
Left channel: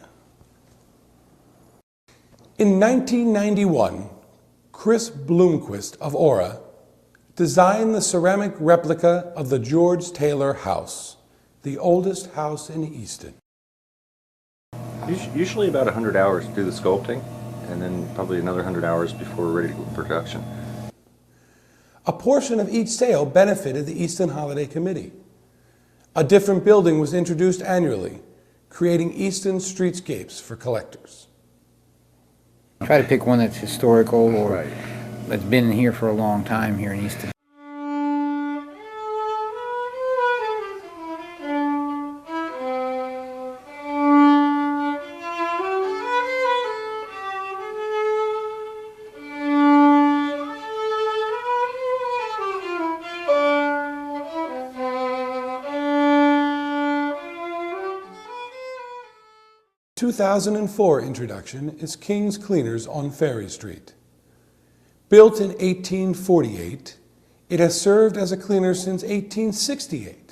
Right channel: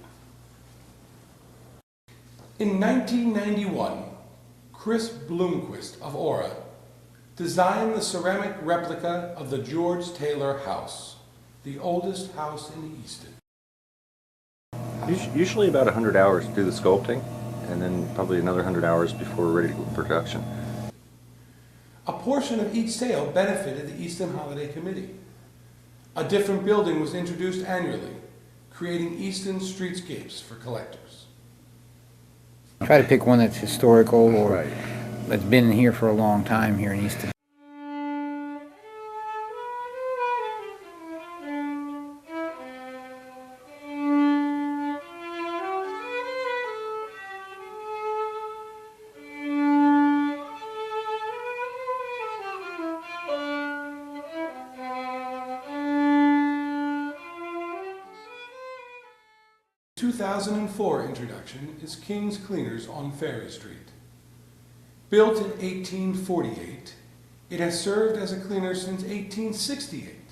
In 1991, Chris Bloomquist of Aura designed the ceramic replica of the George Taylor House, the oldest house in Easton. Usually about 100 hours to do the sculpting, and then probably another 100 hours before we're ready to go to production. A portion of each sale benefited the Easton Holiday Committee. A different building was introduced annually, creating Easton streetscapes for collectors. Try to pick one that's historical or that's been here for a long time here in Easton. The 2004 introduction is King's Cleaners on Ferry Street. Built in 1848, it has served as a cleaner since 1868.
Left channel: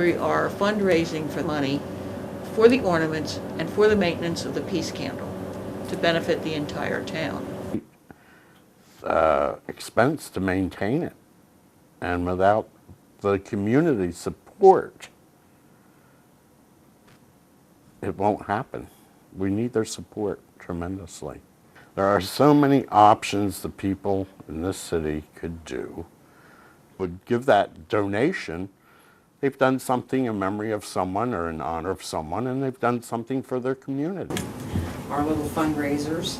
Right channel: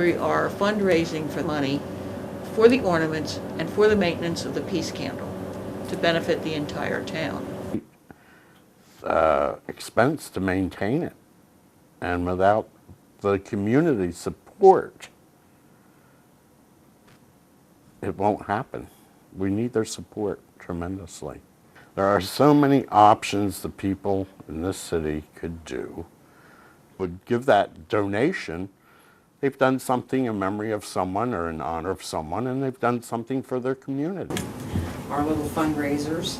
we are fundraising for money for the ornaments and for the maintenance of the peace candle to benefit the entire town. Expense to maintain it, and without the community support, it won't happen. We need their support tremendously. There are so many options the people in this city could do. Would give that donation. They've done something in memory of someone or in honor of someone, and they've done something for their community. Our little fundraisers.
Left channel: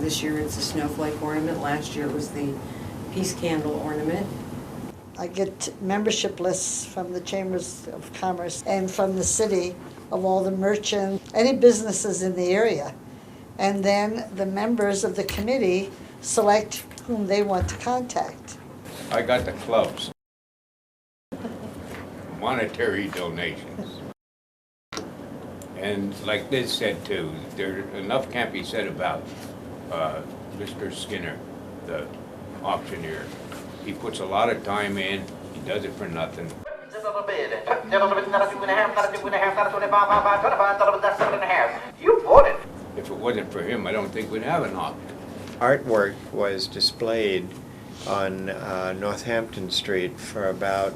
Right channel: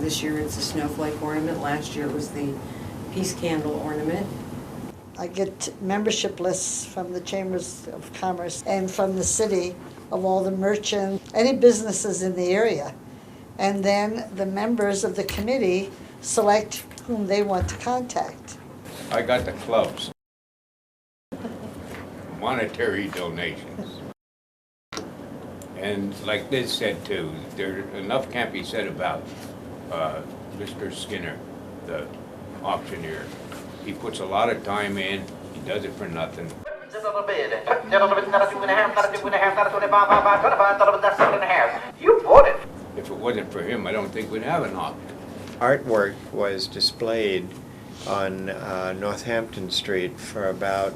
This year it's a snowflake ornament. Last year it was the peace candle ornament. I get membership lists from the Chambers of Commerce and from the city of all the merchants, any businesses in the area. And then the members of the committee select whom they want to contact. I got the clubs. Monetary donations. And like Liz said too, there enough can't be said about Mr. Skinner, the auctioneer. He puts a lot of time in, he does it for nothing. You bought it. If it wasn't for him, I don't think we'd have an auction. Artwork was displayed on Northampton Street for about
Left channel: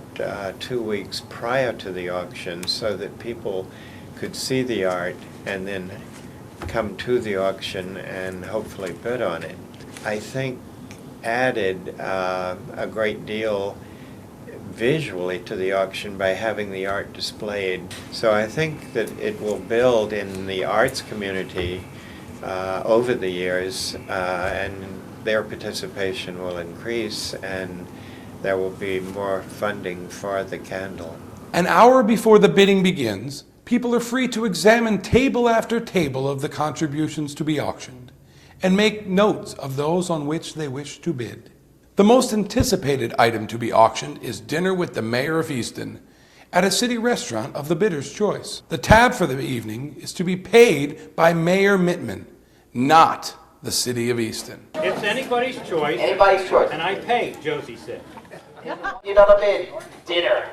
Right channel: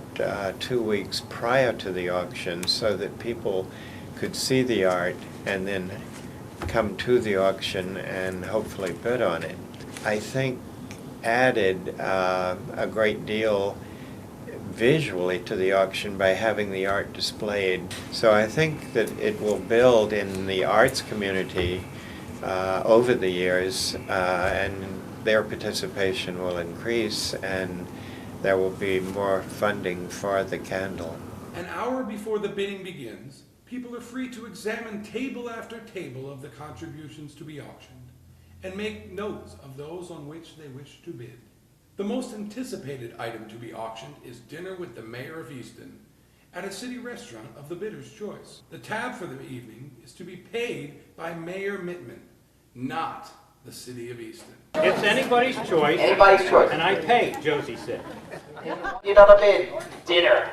2 weeks prior to the auction so that people could see the art and then come to the auction and hopefully bid on it. I think added a great deal visually to the auction by having the art displayed. So I think that it will build in the arts community over the years, and their participation will increase, and there will be more funding for the candle. An hour before the bidding begins, people are free to examine table after table of the contributions to be auctioned and make notes of those on which they wish to bid. The most anticipated item to be auctioned is dinner with the mayor of Easton at a city restaurant of the bidder's choice. The tab for the evening is to be paid by Mayor Mittman, not the city of Easton. It's anybody's choice. Anybody's choice. And I pay, Josie said. You know the bid. Dinner.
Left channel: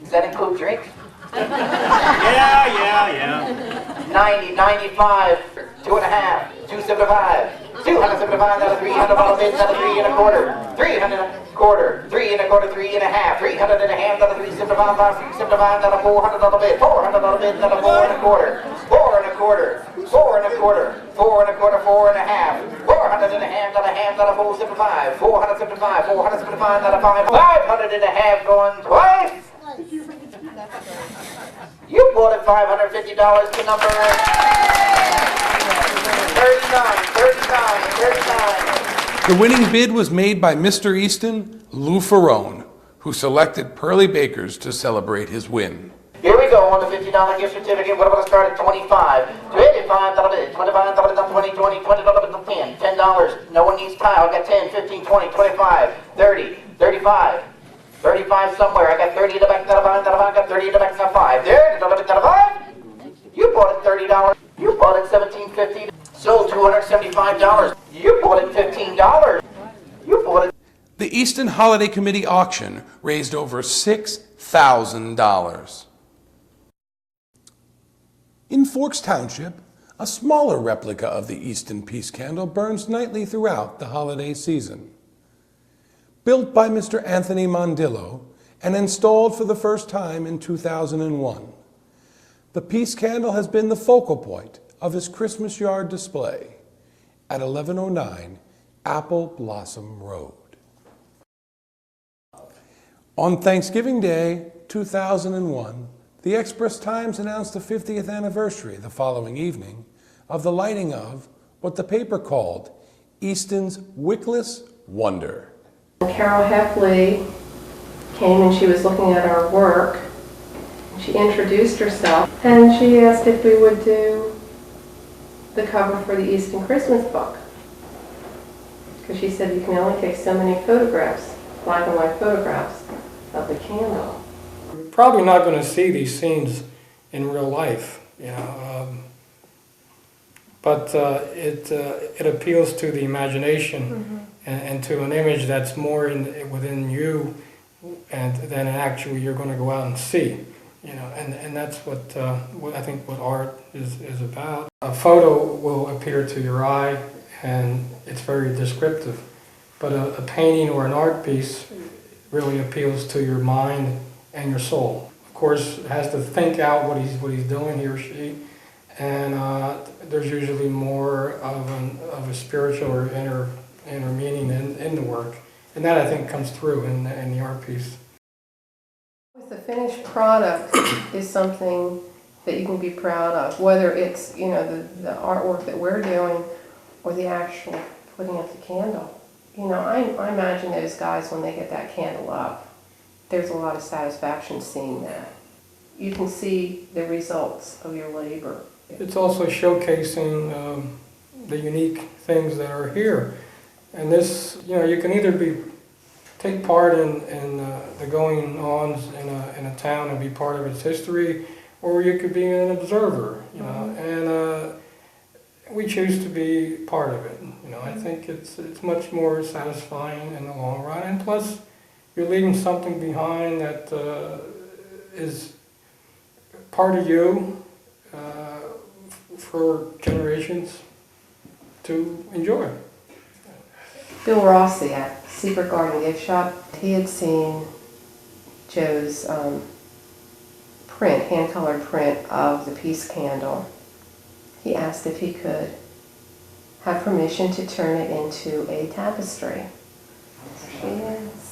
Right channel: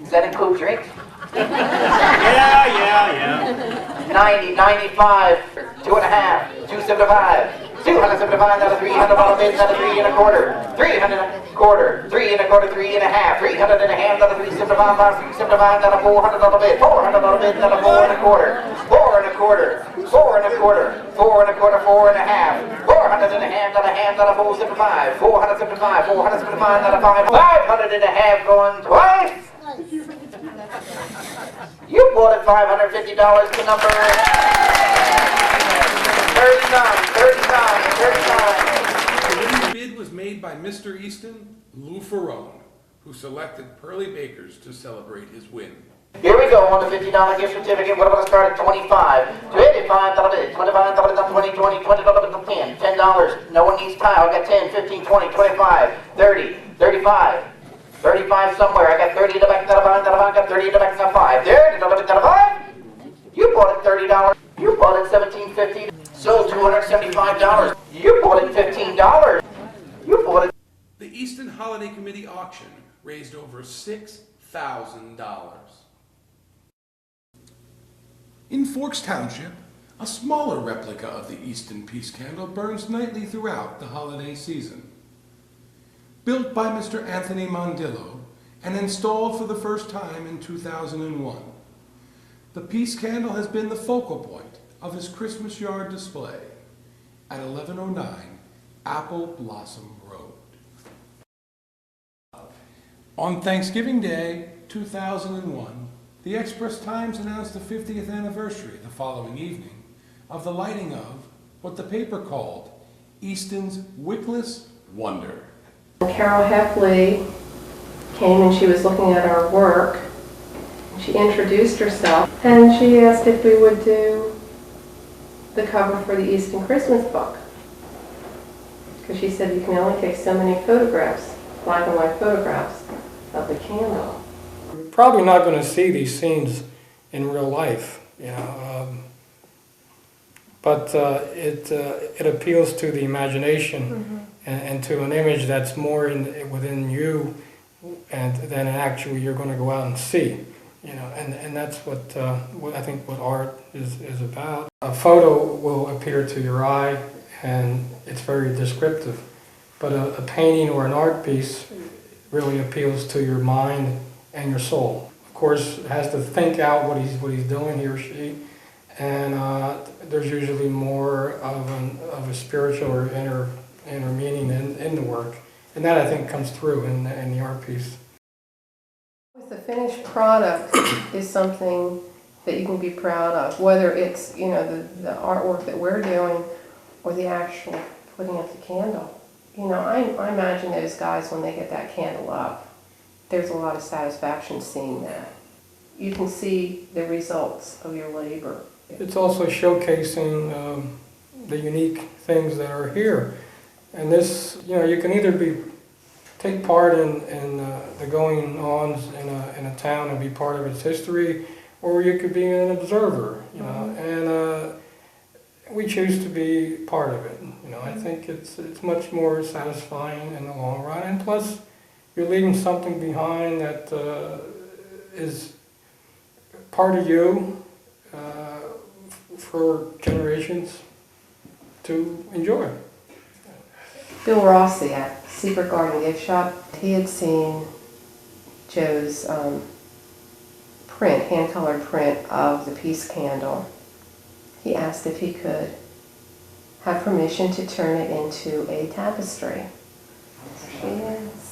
Does that include drinks? Yeah. 90, 95, 2.5, 275, $275, $300 bid, another 3 1/4, 300 1/4, 3 1/4, 3 1/2, 300 1/2, $375, $375, $400 bid, $400 bid, another 4 1/4, 4 1/4, 4 1/4, 4 1/4, 4 1/2, 400 1/2, $475, 475, 475, another 500 1/2 going twice. You bought it $550 to number 39. The winning bid was made by Mr. Easton, Lou Ferrone, who selected Pearly Bakers to celebrate his win. Here we go on the $50 gift certificate. What about to start at 25? $25 bid, $25 20, $20 10, $10. No one needs tile. I got 10, 15, 20, 25, 30, 35. 35 somewhere. I got 30 in the back, I got 30 in the back, not 5. There, $5. You bought it $30. You bought it $17.50. Sold $275. You bought it $15. You bought it. The Easton Holiday Committee auction raised over $6,000. In Forks Township, a smaller replica of the Easton Peace Candle burns nightly throughout the holiday season. Built by Mr. Anthony Mondillo and installed for the first time in 2001, the Peace Candle has been the focal point of his Christmas yard display at 1109 Apple Blossom Road. On Thanksgiving Day 2001, the Express Times announced the 50th anniversary the following evening of the lighting of what the paper called Easton's Wickless Wonder. Carol Heffley came and she was looking at our work. She introduced herself and she asked if we would do the cover for the Easton Christmas book. Because she said you can only take so many photographs, black and white photographs of the candle. We're probably not going to see these scenes in real life, but it appeals to the imagination. And to an image that's more within you and then actually you're going to go out and see, you know, and that's what I think what art is about. A photo will appear to your eye, and it's very descriptive, but a painting or an art piece really appeals to your mind and your soul. Of course, it has to think out what he's doing, he or she, and there's usually more of a spiritual or inner meaning in the work, and that I think comes through in the art piece. The finished product is something that you can be proud of, whether it's, you know, the artwork that we're doing or the actual putting up the candle. You know, I imagine those guys, when they get that candle up, there's a lot of satisfaction seeing that. You can see the results of your labor. It's also showcasing the unique things that are here. And this, you know, you can either take part in the going-ons in a town and be part of its history, or you could be an observer, you know, and we choose to be part of it. You know, I think it's much more satisfying in the long run, and plus you're leaving something behind that is part of you for generations to enjoy. Bill Rossi at Secret Garden Gift Shop, he had seen Joe's hand-colored print of the peace candle. He asked if he could have permission to turn it into a tapestry. There she is.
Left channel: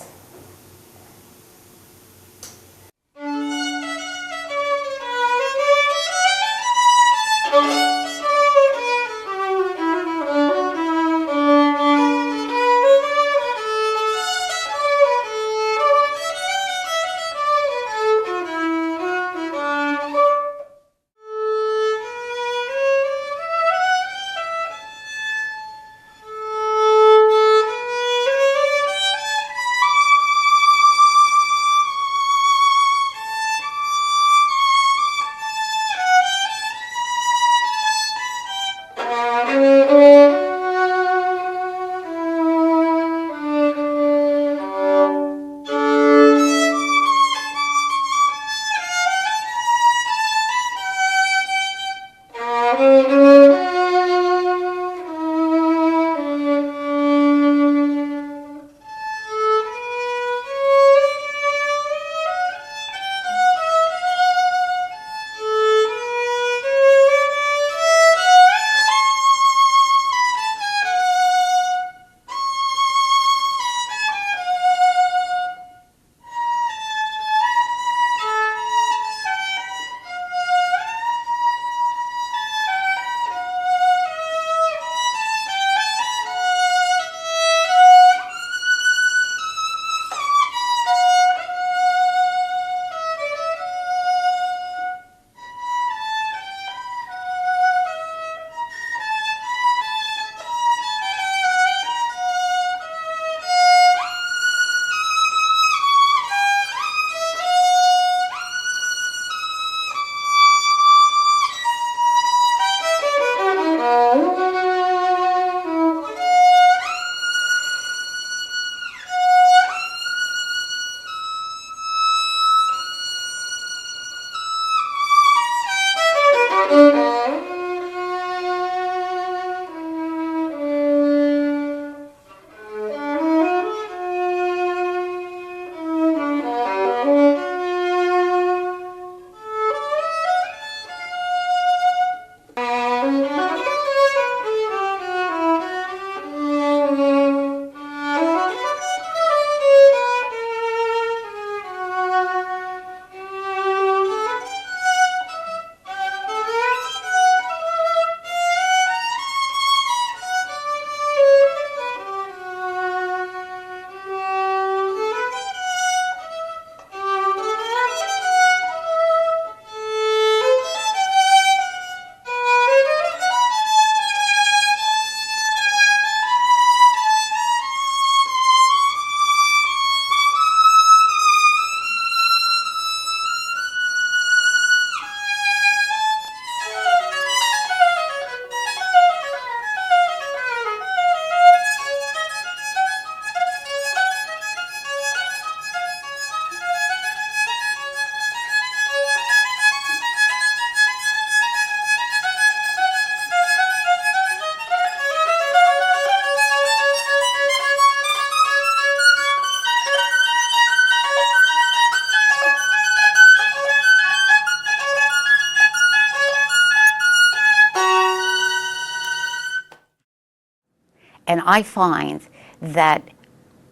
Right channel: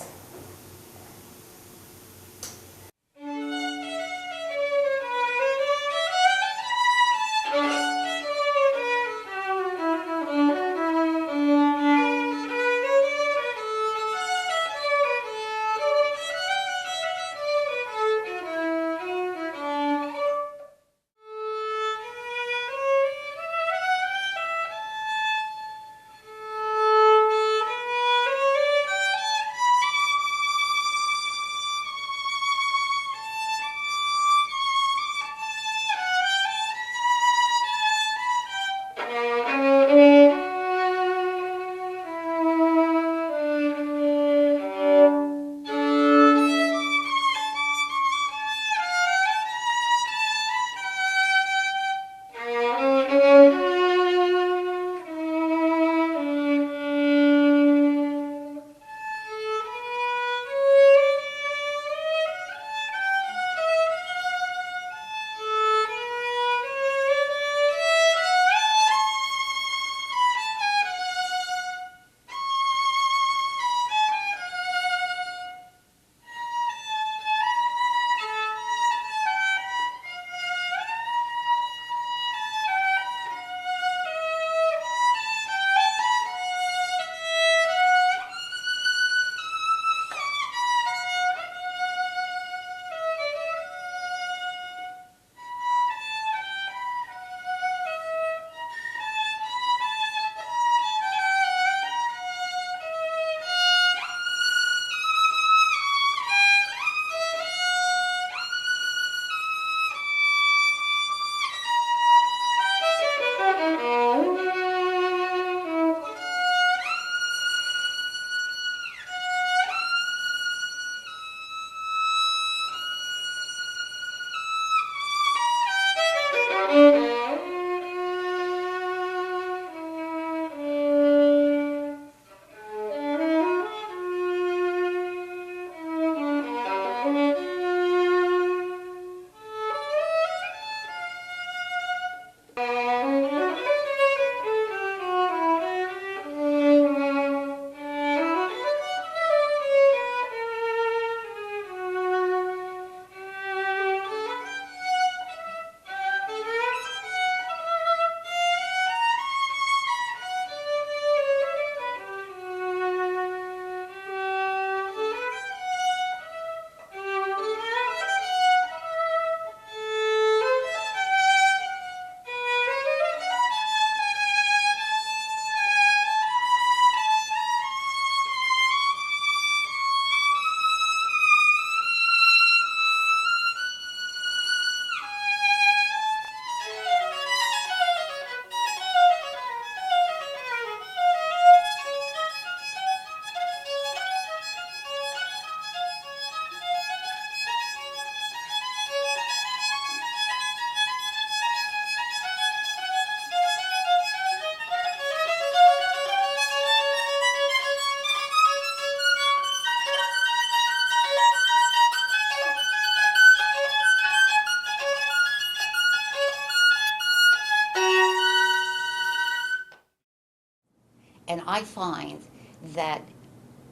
And I find that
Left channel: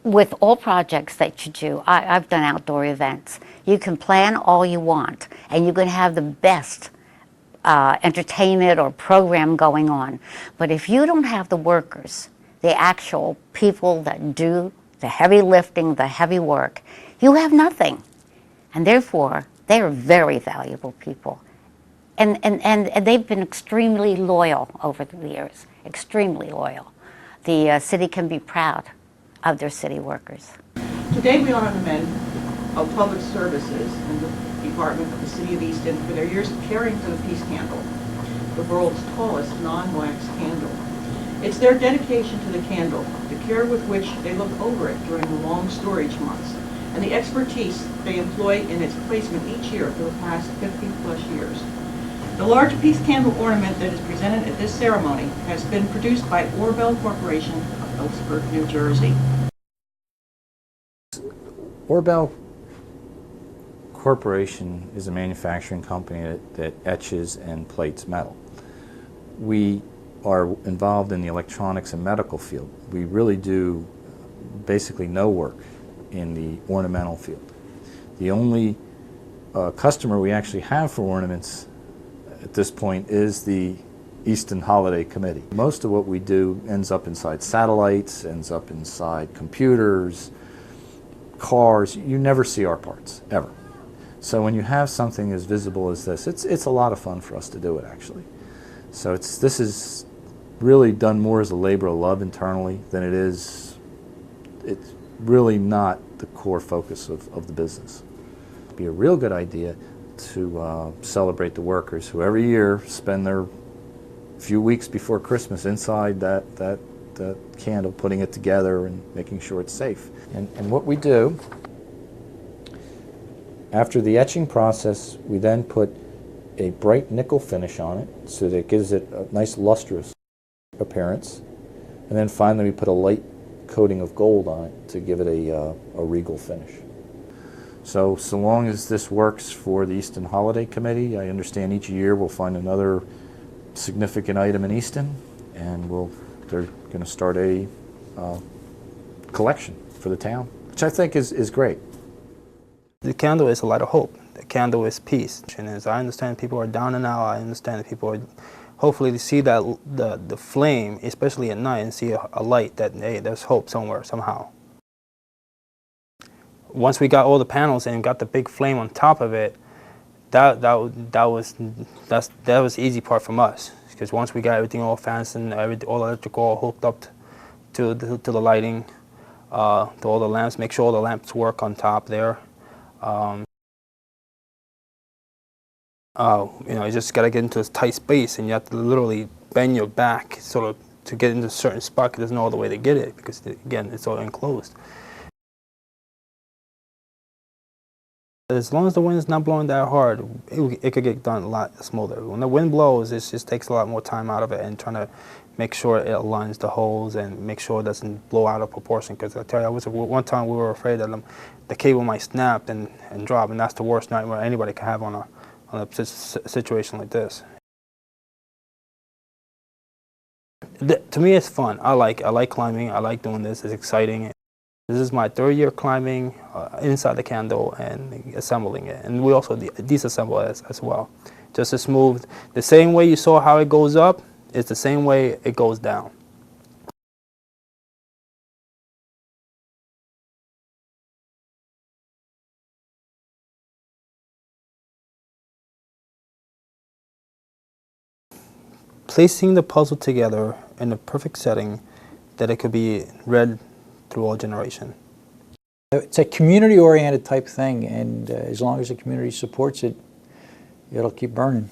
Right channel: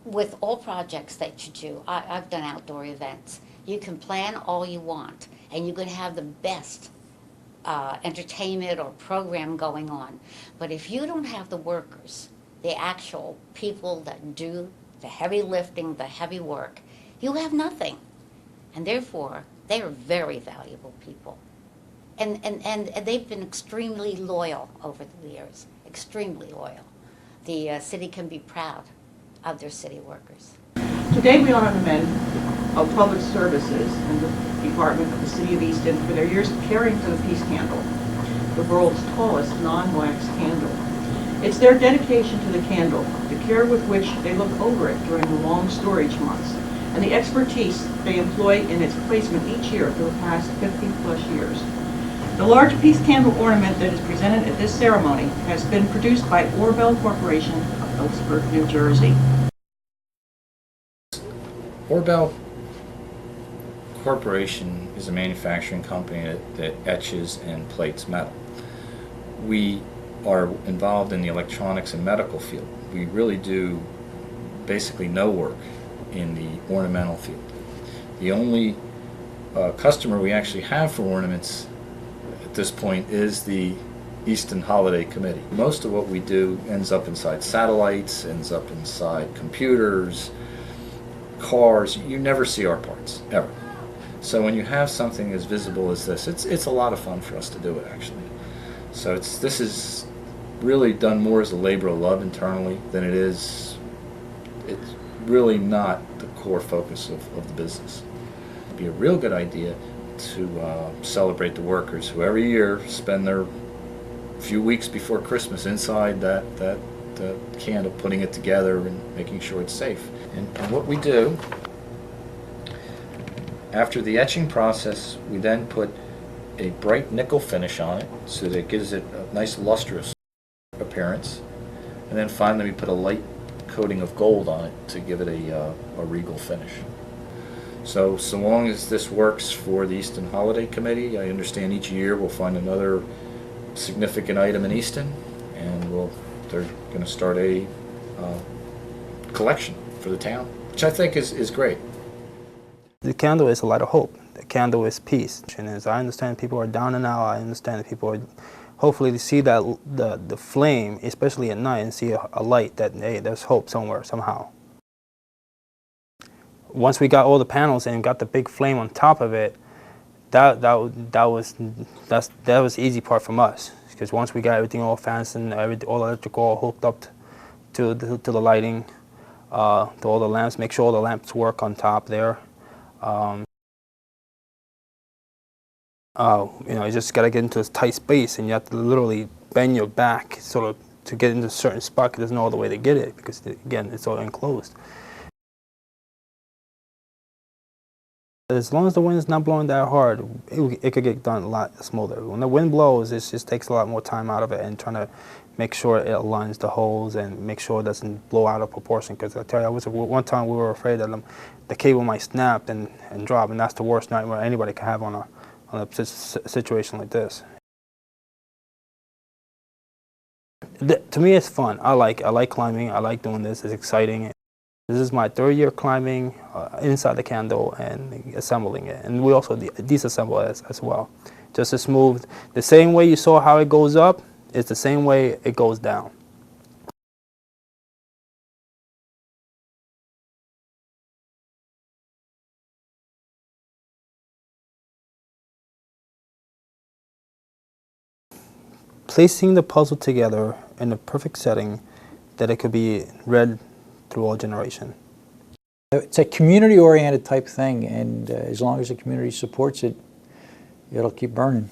with all projects that you do, I've done outdoor events. You can plan all you want, and you can have the best entertainment or program going on. But if you don't have the workers, the actual people that do the heavy lifting, the heavy work, you have nothing. And therefore, they are very valuable people. And they've been extremely loyal over the years, extremely loyal. The city can be proud of their city workers. Today we honor the men of public services and the Department of the City of Easton for their years of caring for the peace candle, the world's tallest non-wax candle. It's their dedication to the candle, the care with which they look over it during the long storage months, and the expertise they employ in its placement each year for the past 50-plus years. The large peace candle ornament that is presented at this ceremony has been produced by Orbell Corporation of Ellsburg, New Jersey. Orbell Corporation is a manufacturing company that etches and plates metal. We are involved in the electronics and medical field. We really do basically no work in the ornamental field. The only customer we actually have for ornaments at this point is the Easton Holiday Committee. Most of what we do ends up inside satellites, ends up inside computers, cars. You never see our parts, ever. So when you have something as visible as this, it's a lot of fun for us to do it, actually. So this is really done more as a labor of love internally than it is, it's really not the core focus of the business. It'd be a real good idea to celebrate the workers who every year spend their few weeks before Christmas inside that candle, putting it together and making sure it's safe. And what we do, after the etching process, we then put a bright nickel finish on it so that it gives it a nice lustrous appearance. And then finally we put a light coating of gold on it to give it a regal finish. So long as this works for the Easton Holiday Committee, I understand each year we'll find another significant item in Easton, and they're going to start a collection for the town, which I think is great. The candle is a light of hope. The candle is peace. And as I understand, people are down and out. I understand that people are hopefully to see that the flame, especially at night, and see a light that, hey, there's hope somewhere, somehow. Once we got all the panels and got the big flame on top of it, that was the easy part from us. Because once we got everything all fastened, all electrical all hooked up to the lighting, to all the lamps, make sure all the lamps work on top there. You just got to get into this tight space, and you have to literally bend your back sort of to get into a certain spot, because there's no other way to get it, because again, it's all enclosed. As long as the wind is not blowing that hard, it could get done a lot smoother. When the wind blows, it just takes a lot more time out of it, and trying to make sure it aligns the holes and make sure it doesn't blow out of proportion. Because I tell you, one time we were afraid that the cable might snap and drop, and that's the worst nightmare anybody can have on a situation like this. To me, it's fun. I like climbing. I like doing this. It's exciting. This is my third year climbing inside the candle and assembling it. And we also disassemble it as well. Just as smooth. The same way you saw how it goes up, it's the same way it goes down. Placing the puzzle together in a perfect setting that it could be read through all generation. It's a community-oriented type thing, and as long as the community supports it, it'll keep burning.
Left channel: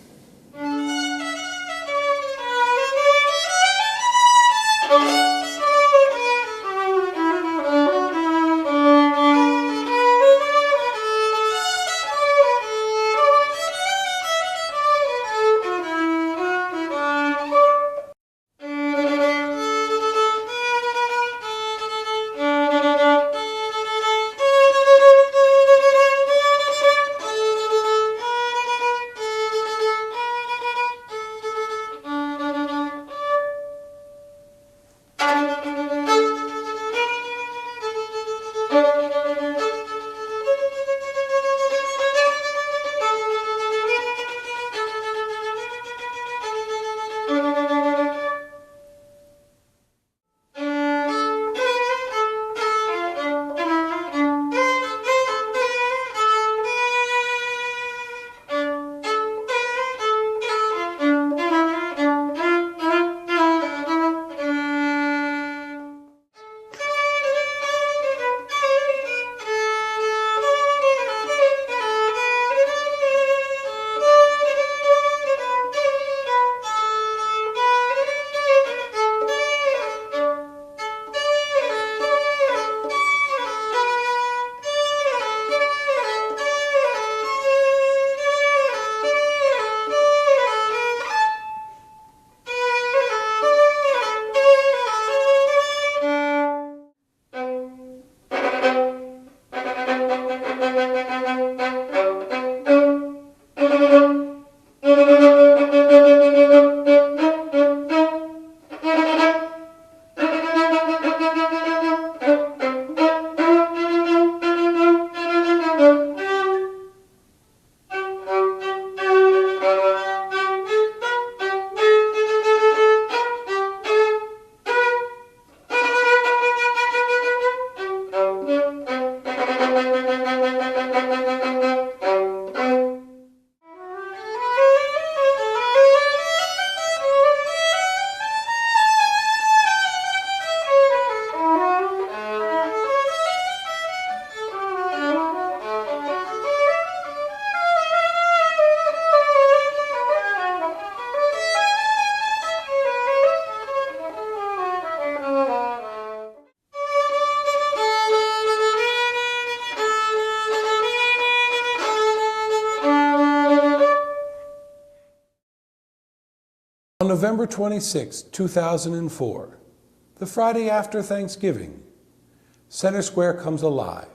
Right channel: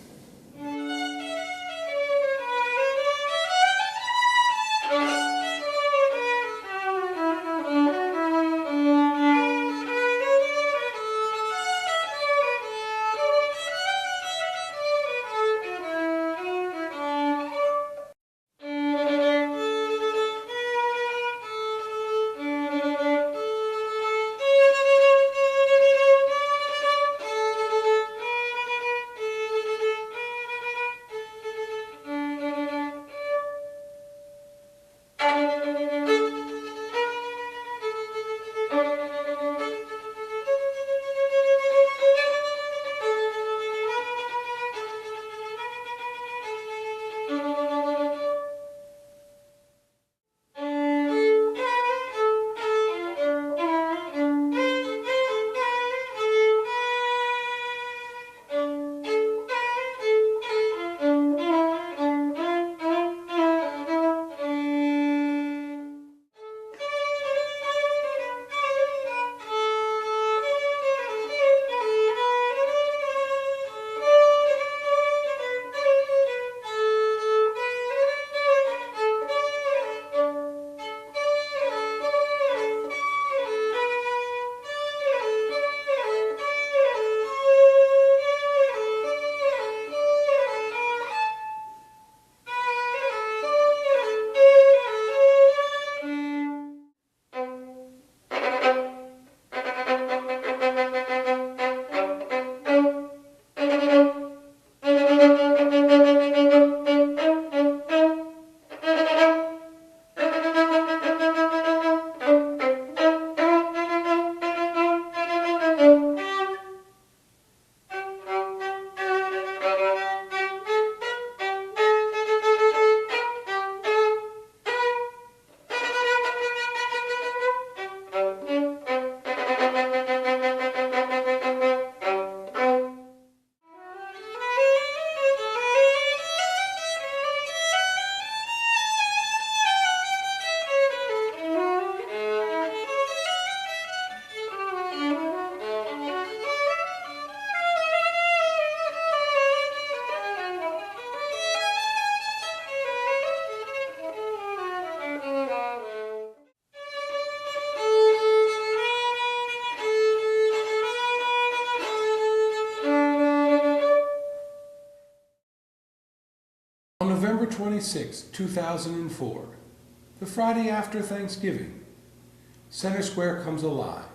November 26, 2004, the Friday after Thanksgiving, Center Square comes alive,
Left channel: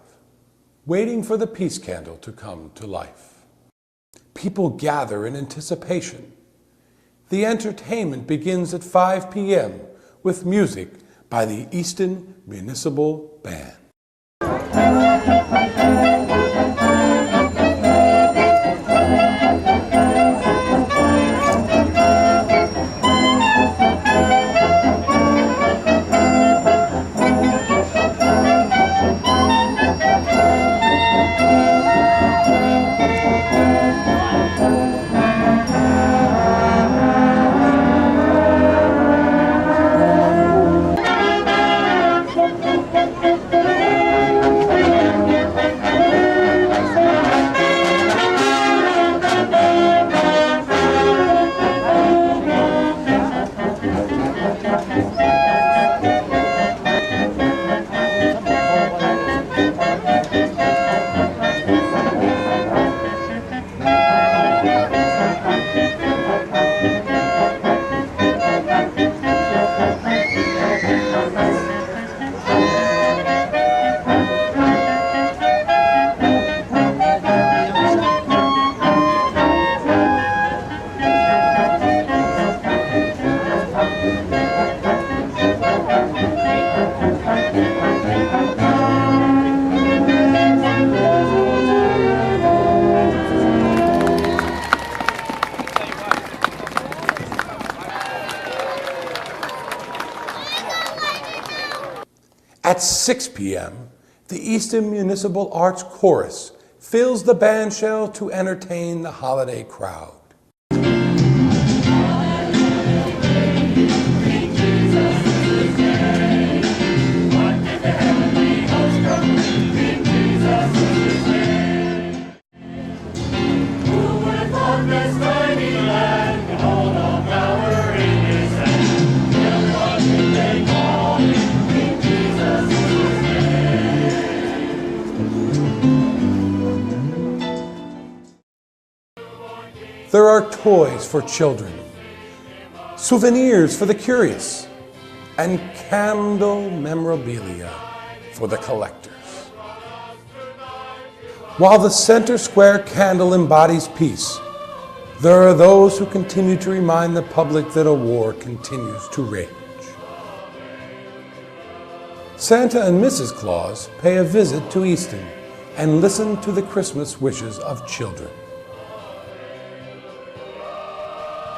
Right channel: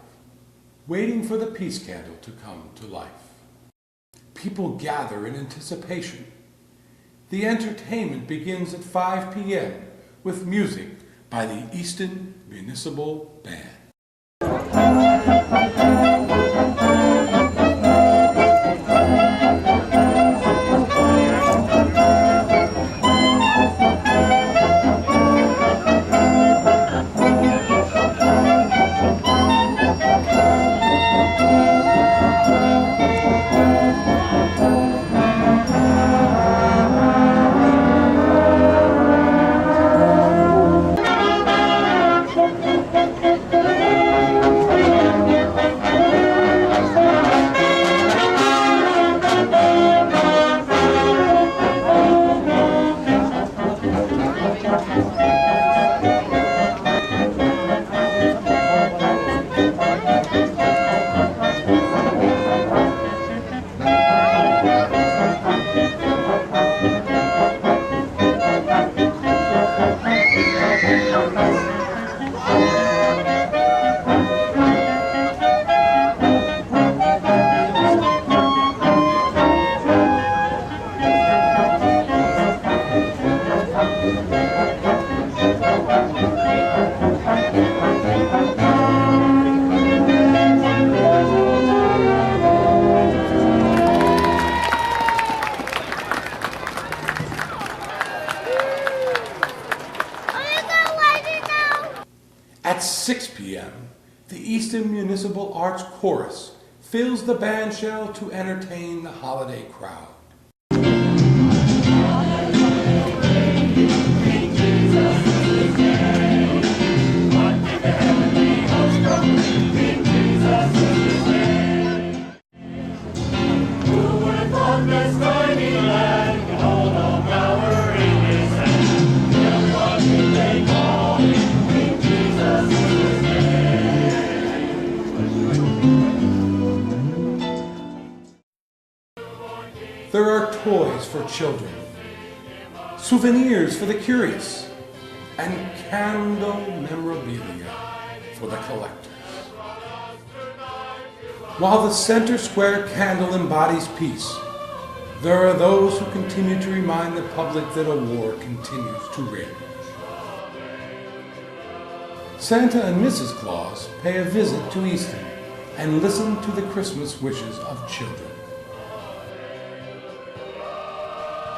waiting for the peace candle to come to life. People gather in anticipation. The entertainment begins at 5 p.m. with music by the Easton Municipal Band. At 6 p.m., the Easton Municipal Arts Chorus fills the bandshell to entertain the holiday crowd. There are toys for children, souvenirs for the curious, and candle memorabilia for the collectors. While the Center Square candle embodies peace, there are those who continue to remind the public that a war continues to rage. Santa and Mrs. Claus pay a visit to Easton and listen to the Christmas wishes of children.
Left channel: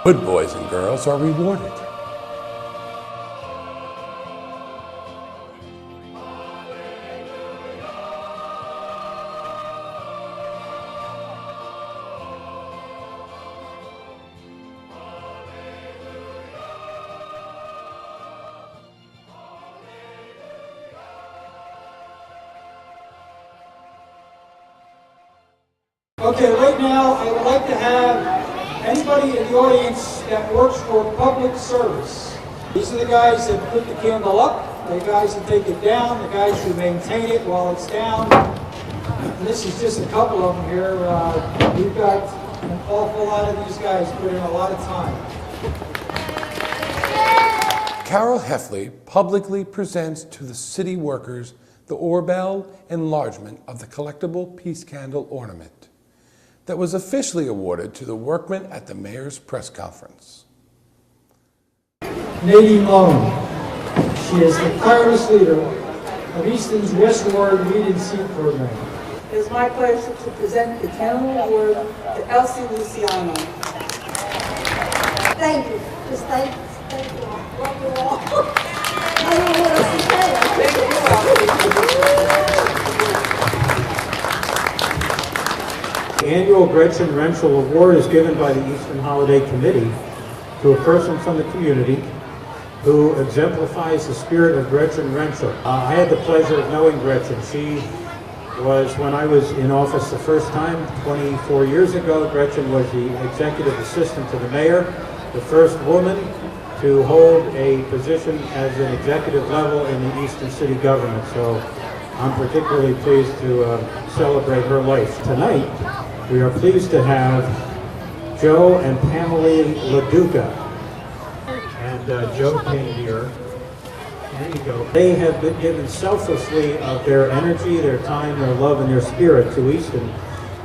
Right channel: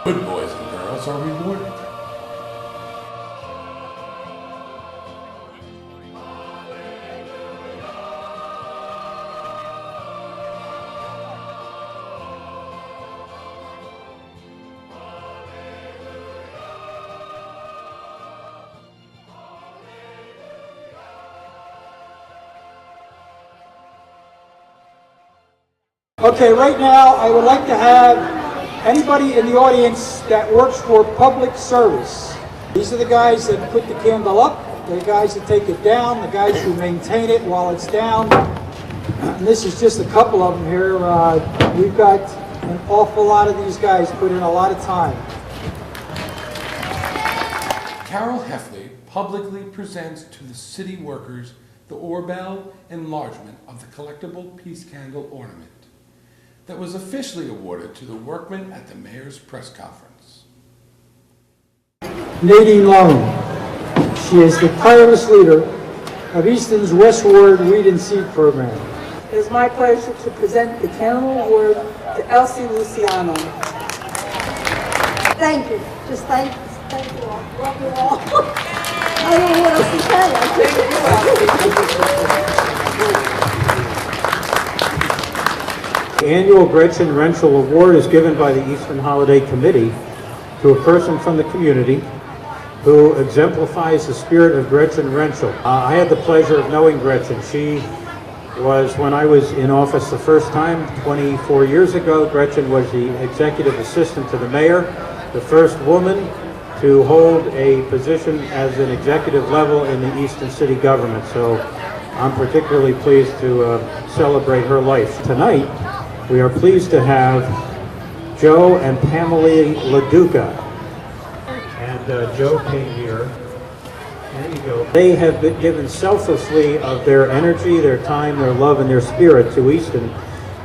Good boys and girls are rewarded. Okay, right now I would like to have anybody in the audience that works for public service. These are the guys that put the candle up, the guys that take it down, the guys who maintain it while it's down. And this is just a couple of them here. We've got an awful lot of these guys put in a lot of time. Carol Heffley publicly presents to the city workers the Orbell enlargement of the collectible peace candle ornament that was officially awarded to the workmen at the mayor's press conference. Nadine Lone. She is the tireless leader of Easton's Westward Weed and Seed program. It is my pleasure to present the Candle Award to Elsie Luciano. Thank you. Just thank you all. Love you all. I don't know what else to say. The annual Gretchen Renschel Award is given by the Easton Holiday Committee to a person from the community who exemplifies the spirit of Gretchen Renschel. I had the pleasure of knowing Gretchen. She was, when I was in office the first time, 24 years ago, Gretchen was the executive assistant to the mayor, the first woman to hold a position as an executive level in the Easton city government. So I'm particularly pleased to celebrate her life. Tonight, we are pleased to have Joe and Pamela LaDuca. Joe came here. There you go. They have been given selflessly of their energy, their time, their love, and their spirit to Easton.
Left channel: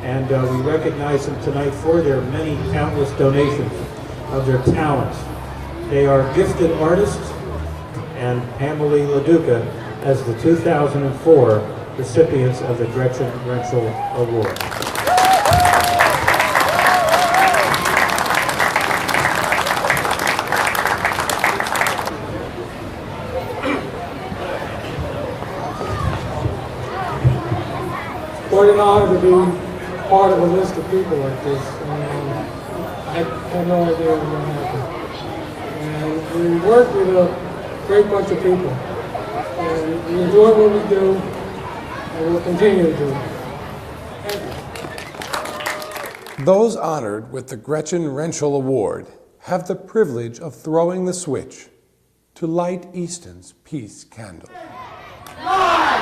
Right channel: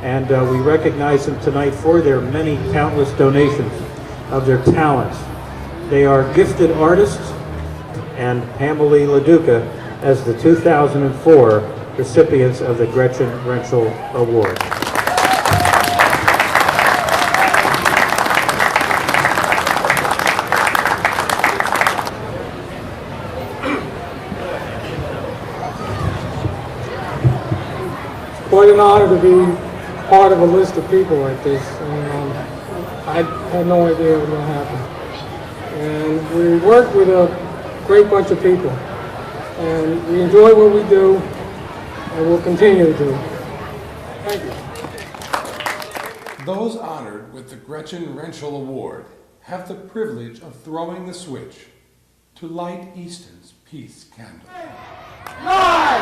And we recognize them tonight for their many countless donations of their talents. They are gifted artists, and Amelie LaDuca as the 2004 recipients of the Gretchen Renschel Award. Quite an honor to be part of a list of people like this. I had no idea it was going to happen. And we work with a great bunch of people. And we enjoy what we do, and we'll continue to do. Thank you. Those honored with the Gretchen Renschel Award have the privilege of throwing the switch to light Easton's peace candle. 9,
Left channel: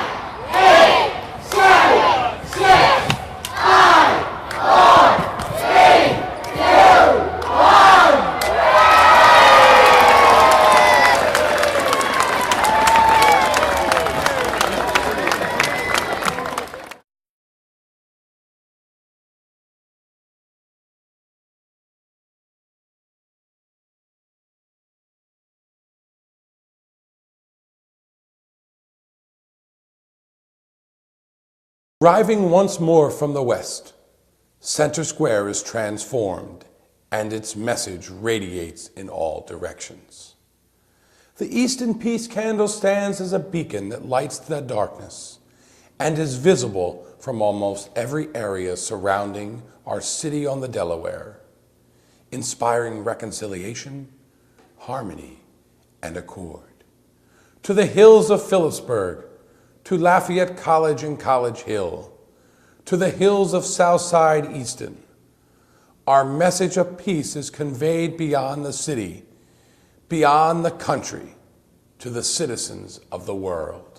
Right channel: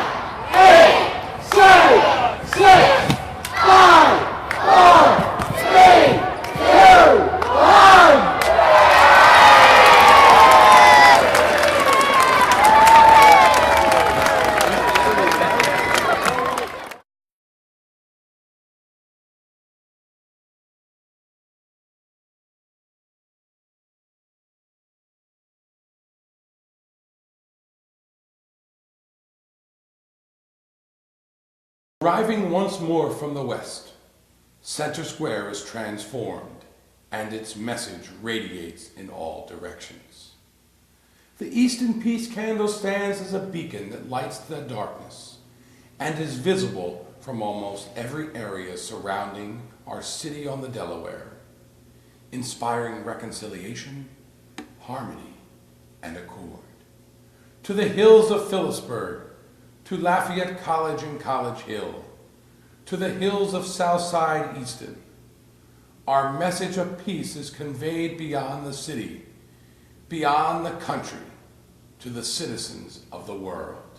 8, 7, 6, 5, 4, 3, 2, 1. Arriving once more from the west, Center Square is transformed and its message radiates in all directions. The Easton Peace Candle stands as a beacon that lights the darkness and is visible from almost every area surrounding our city on the Delaware, inspiring reconciliation, harmony, and accord. To the hills of Phillipsburg, to Lafayette College and College Hill, to the hills of Southside Easton, our message of peace is conveyed beyond the city, beyond the country, to the citizens of the world.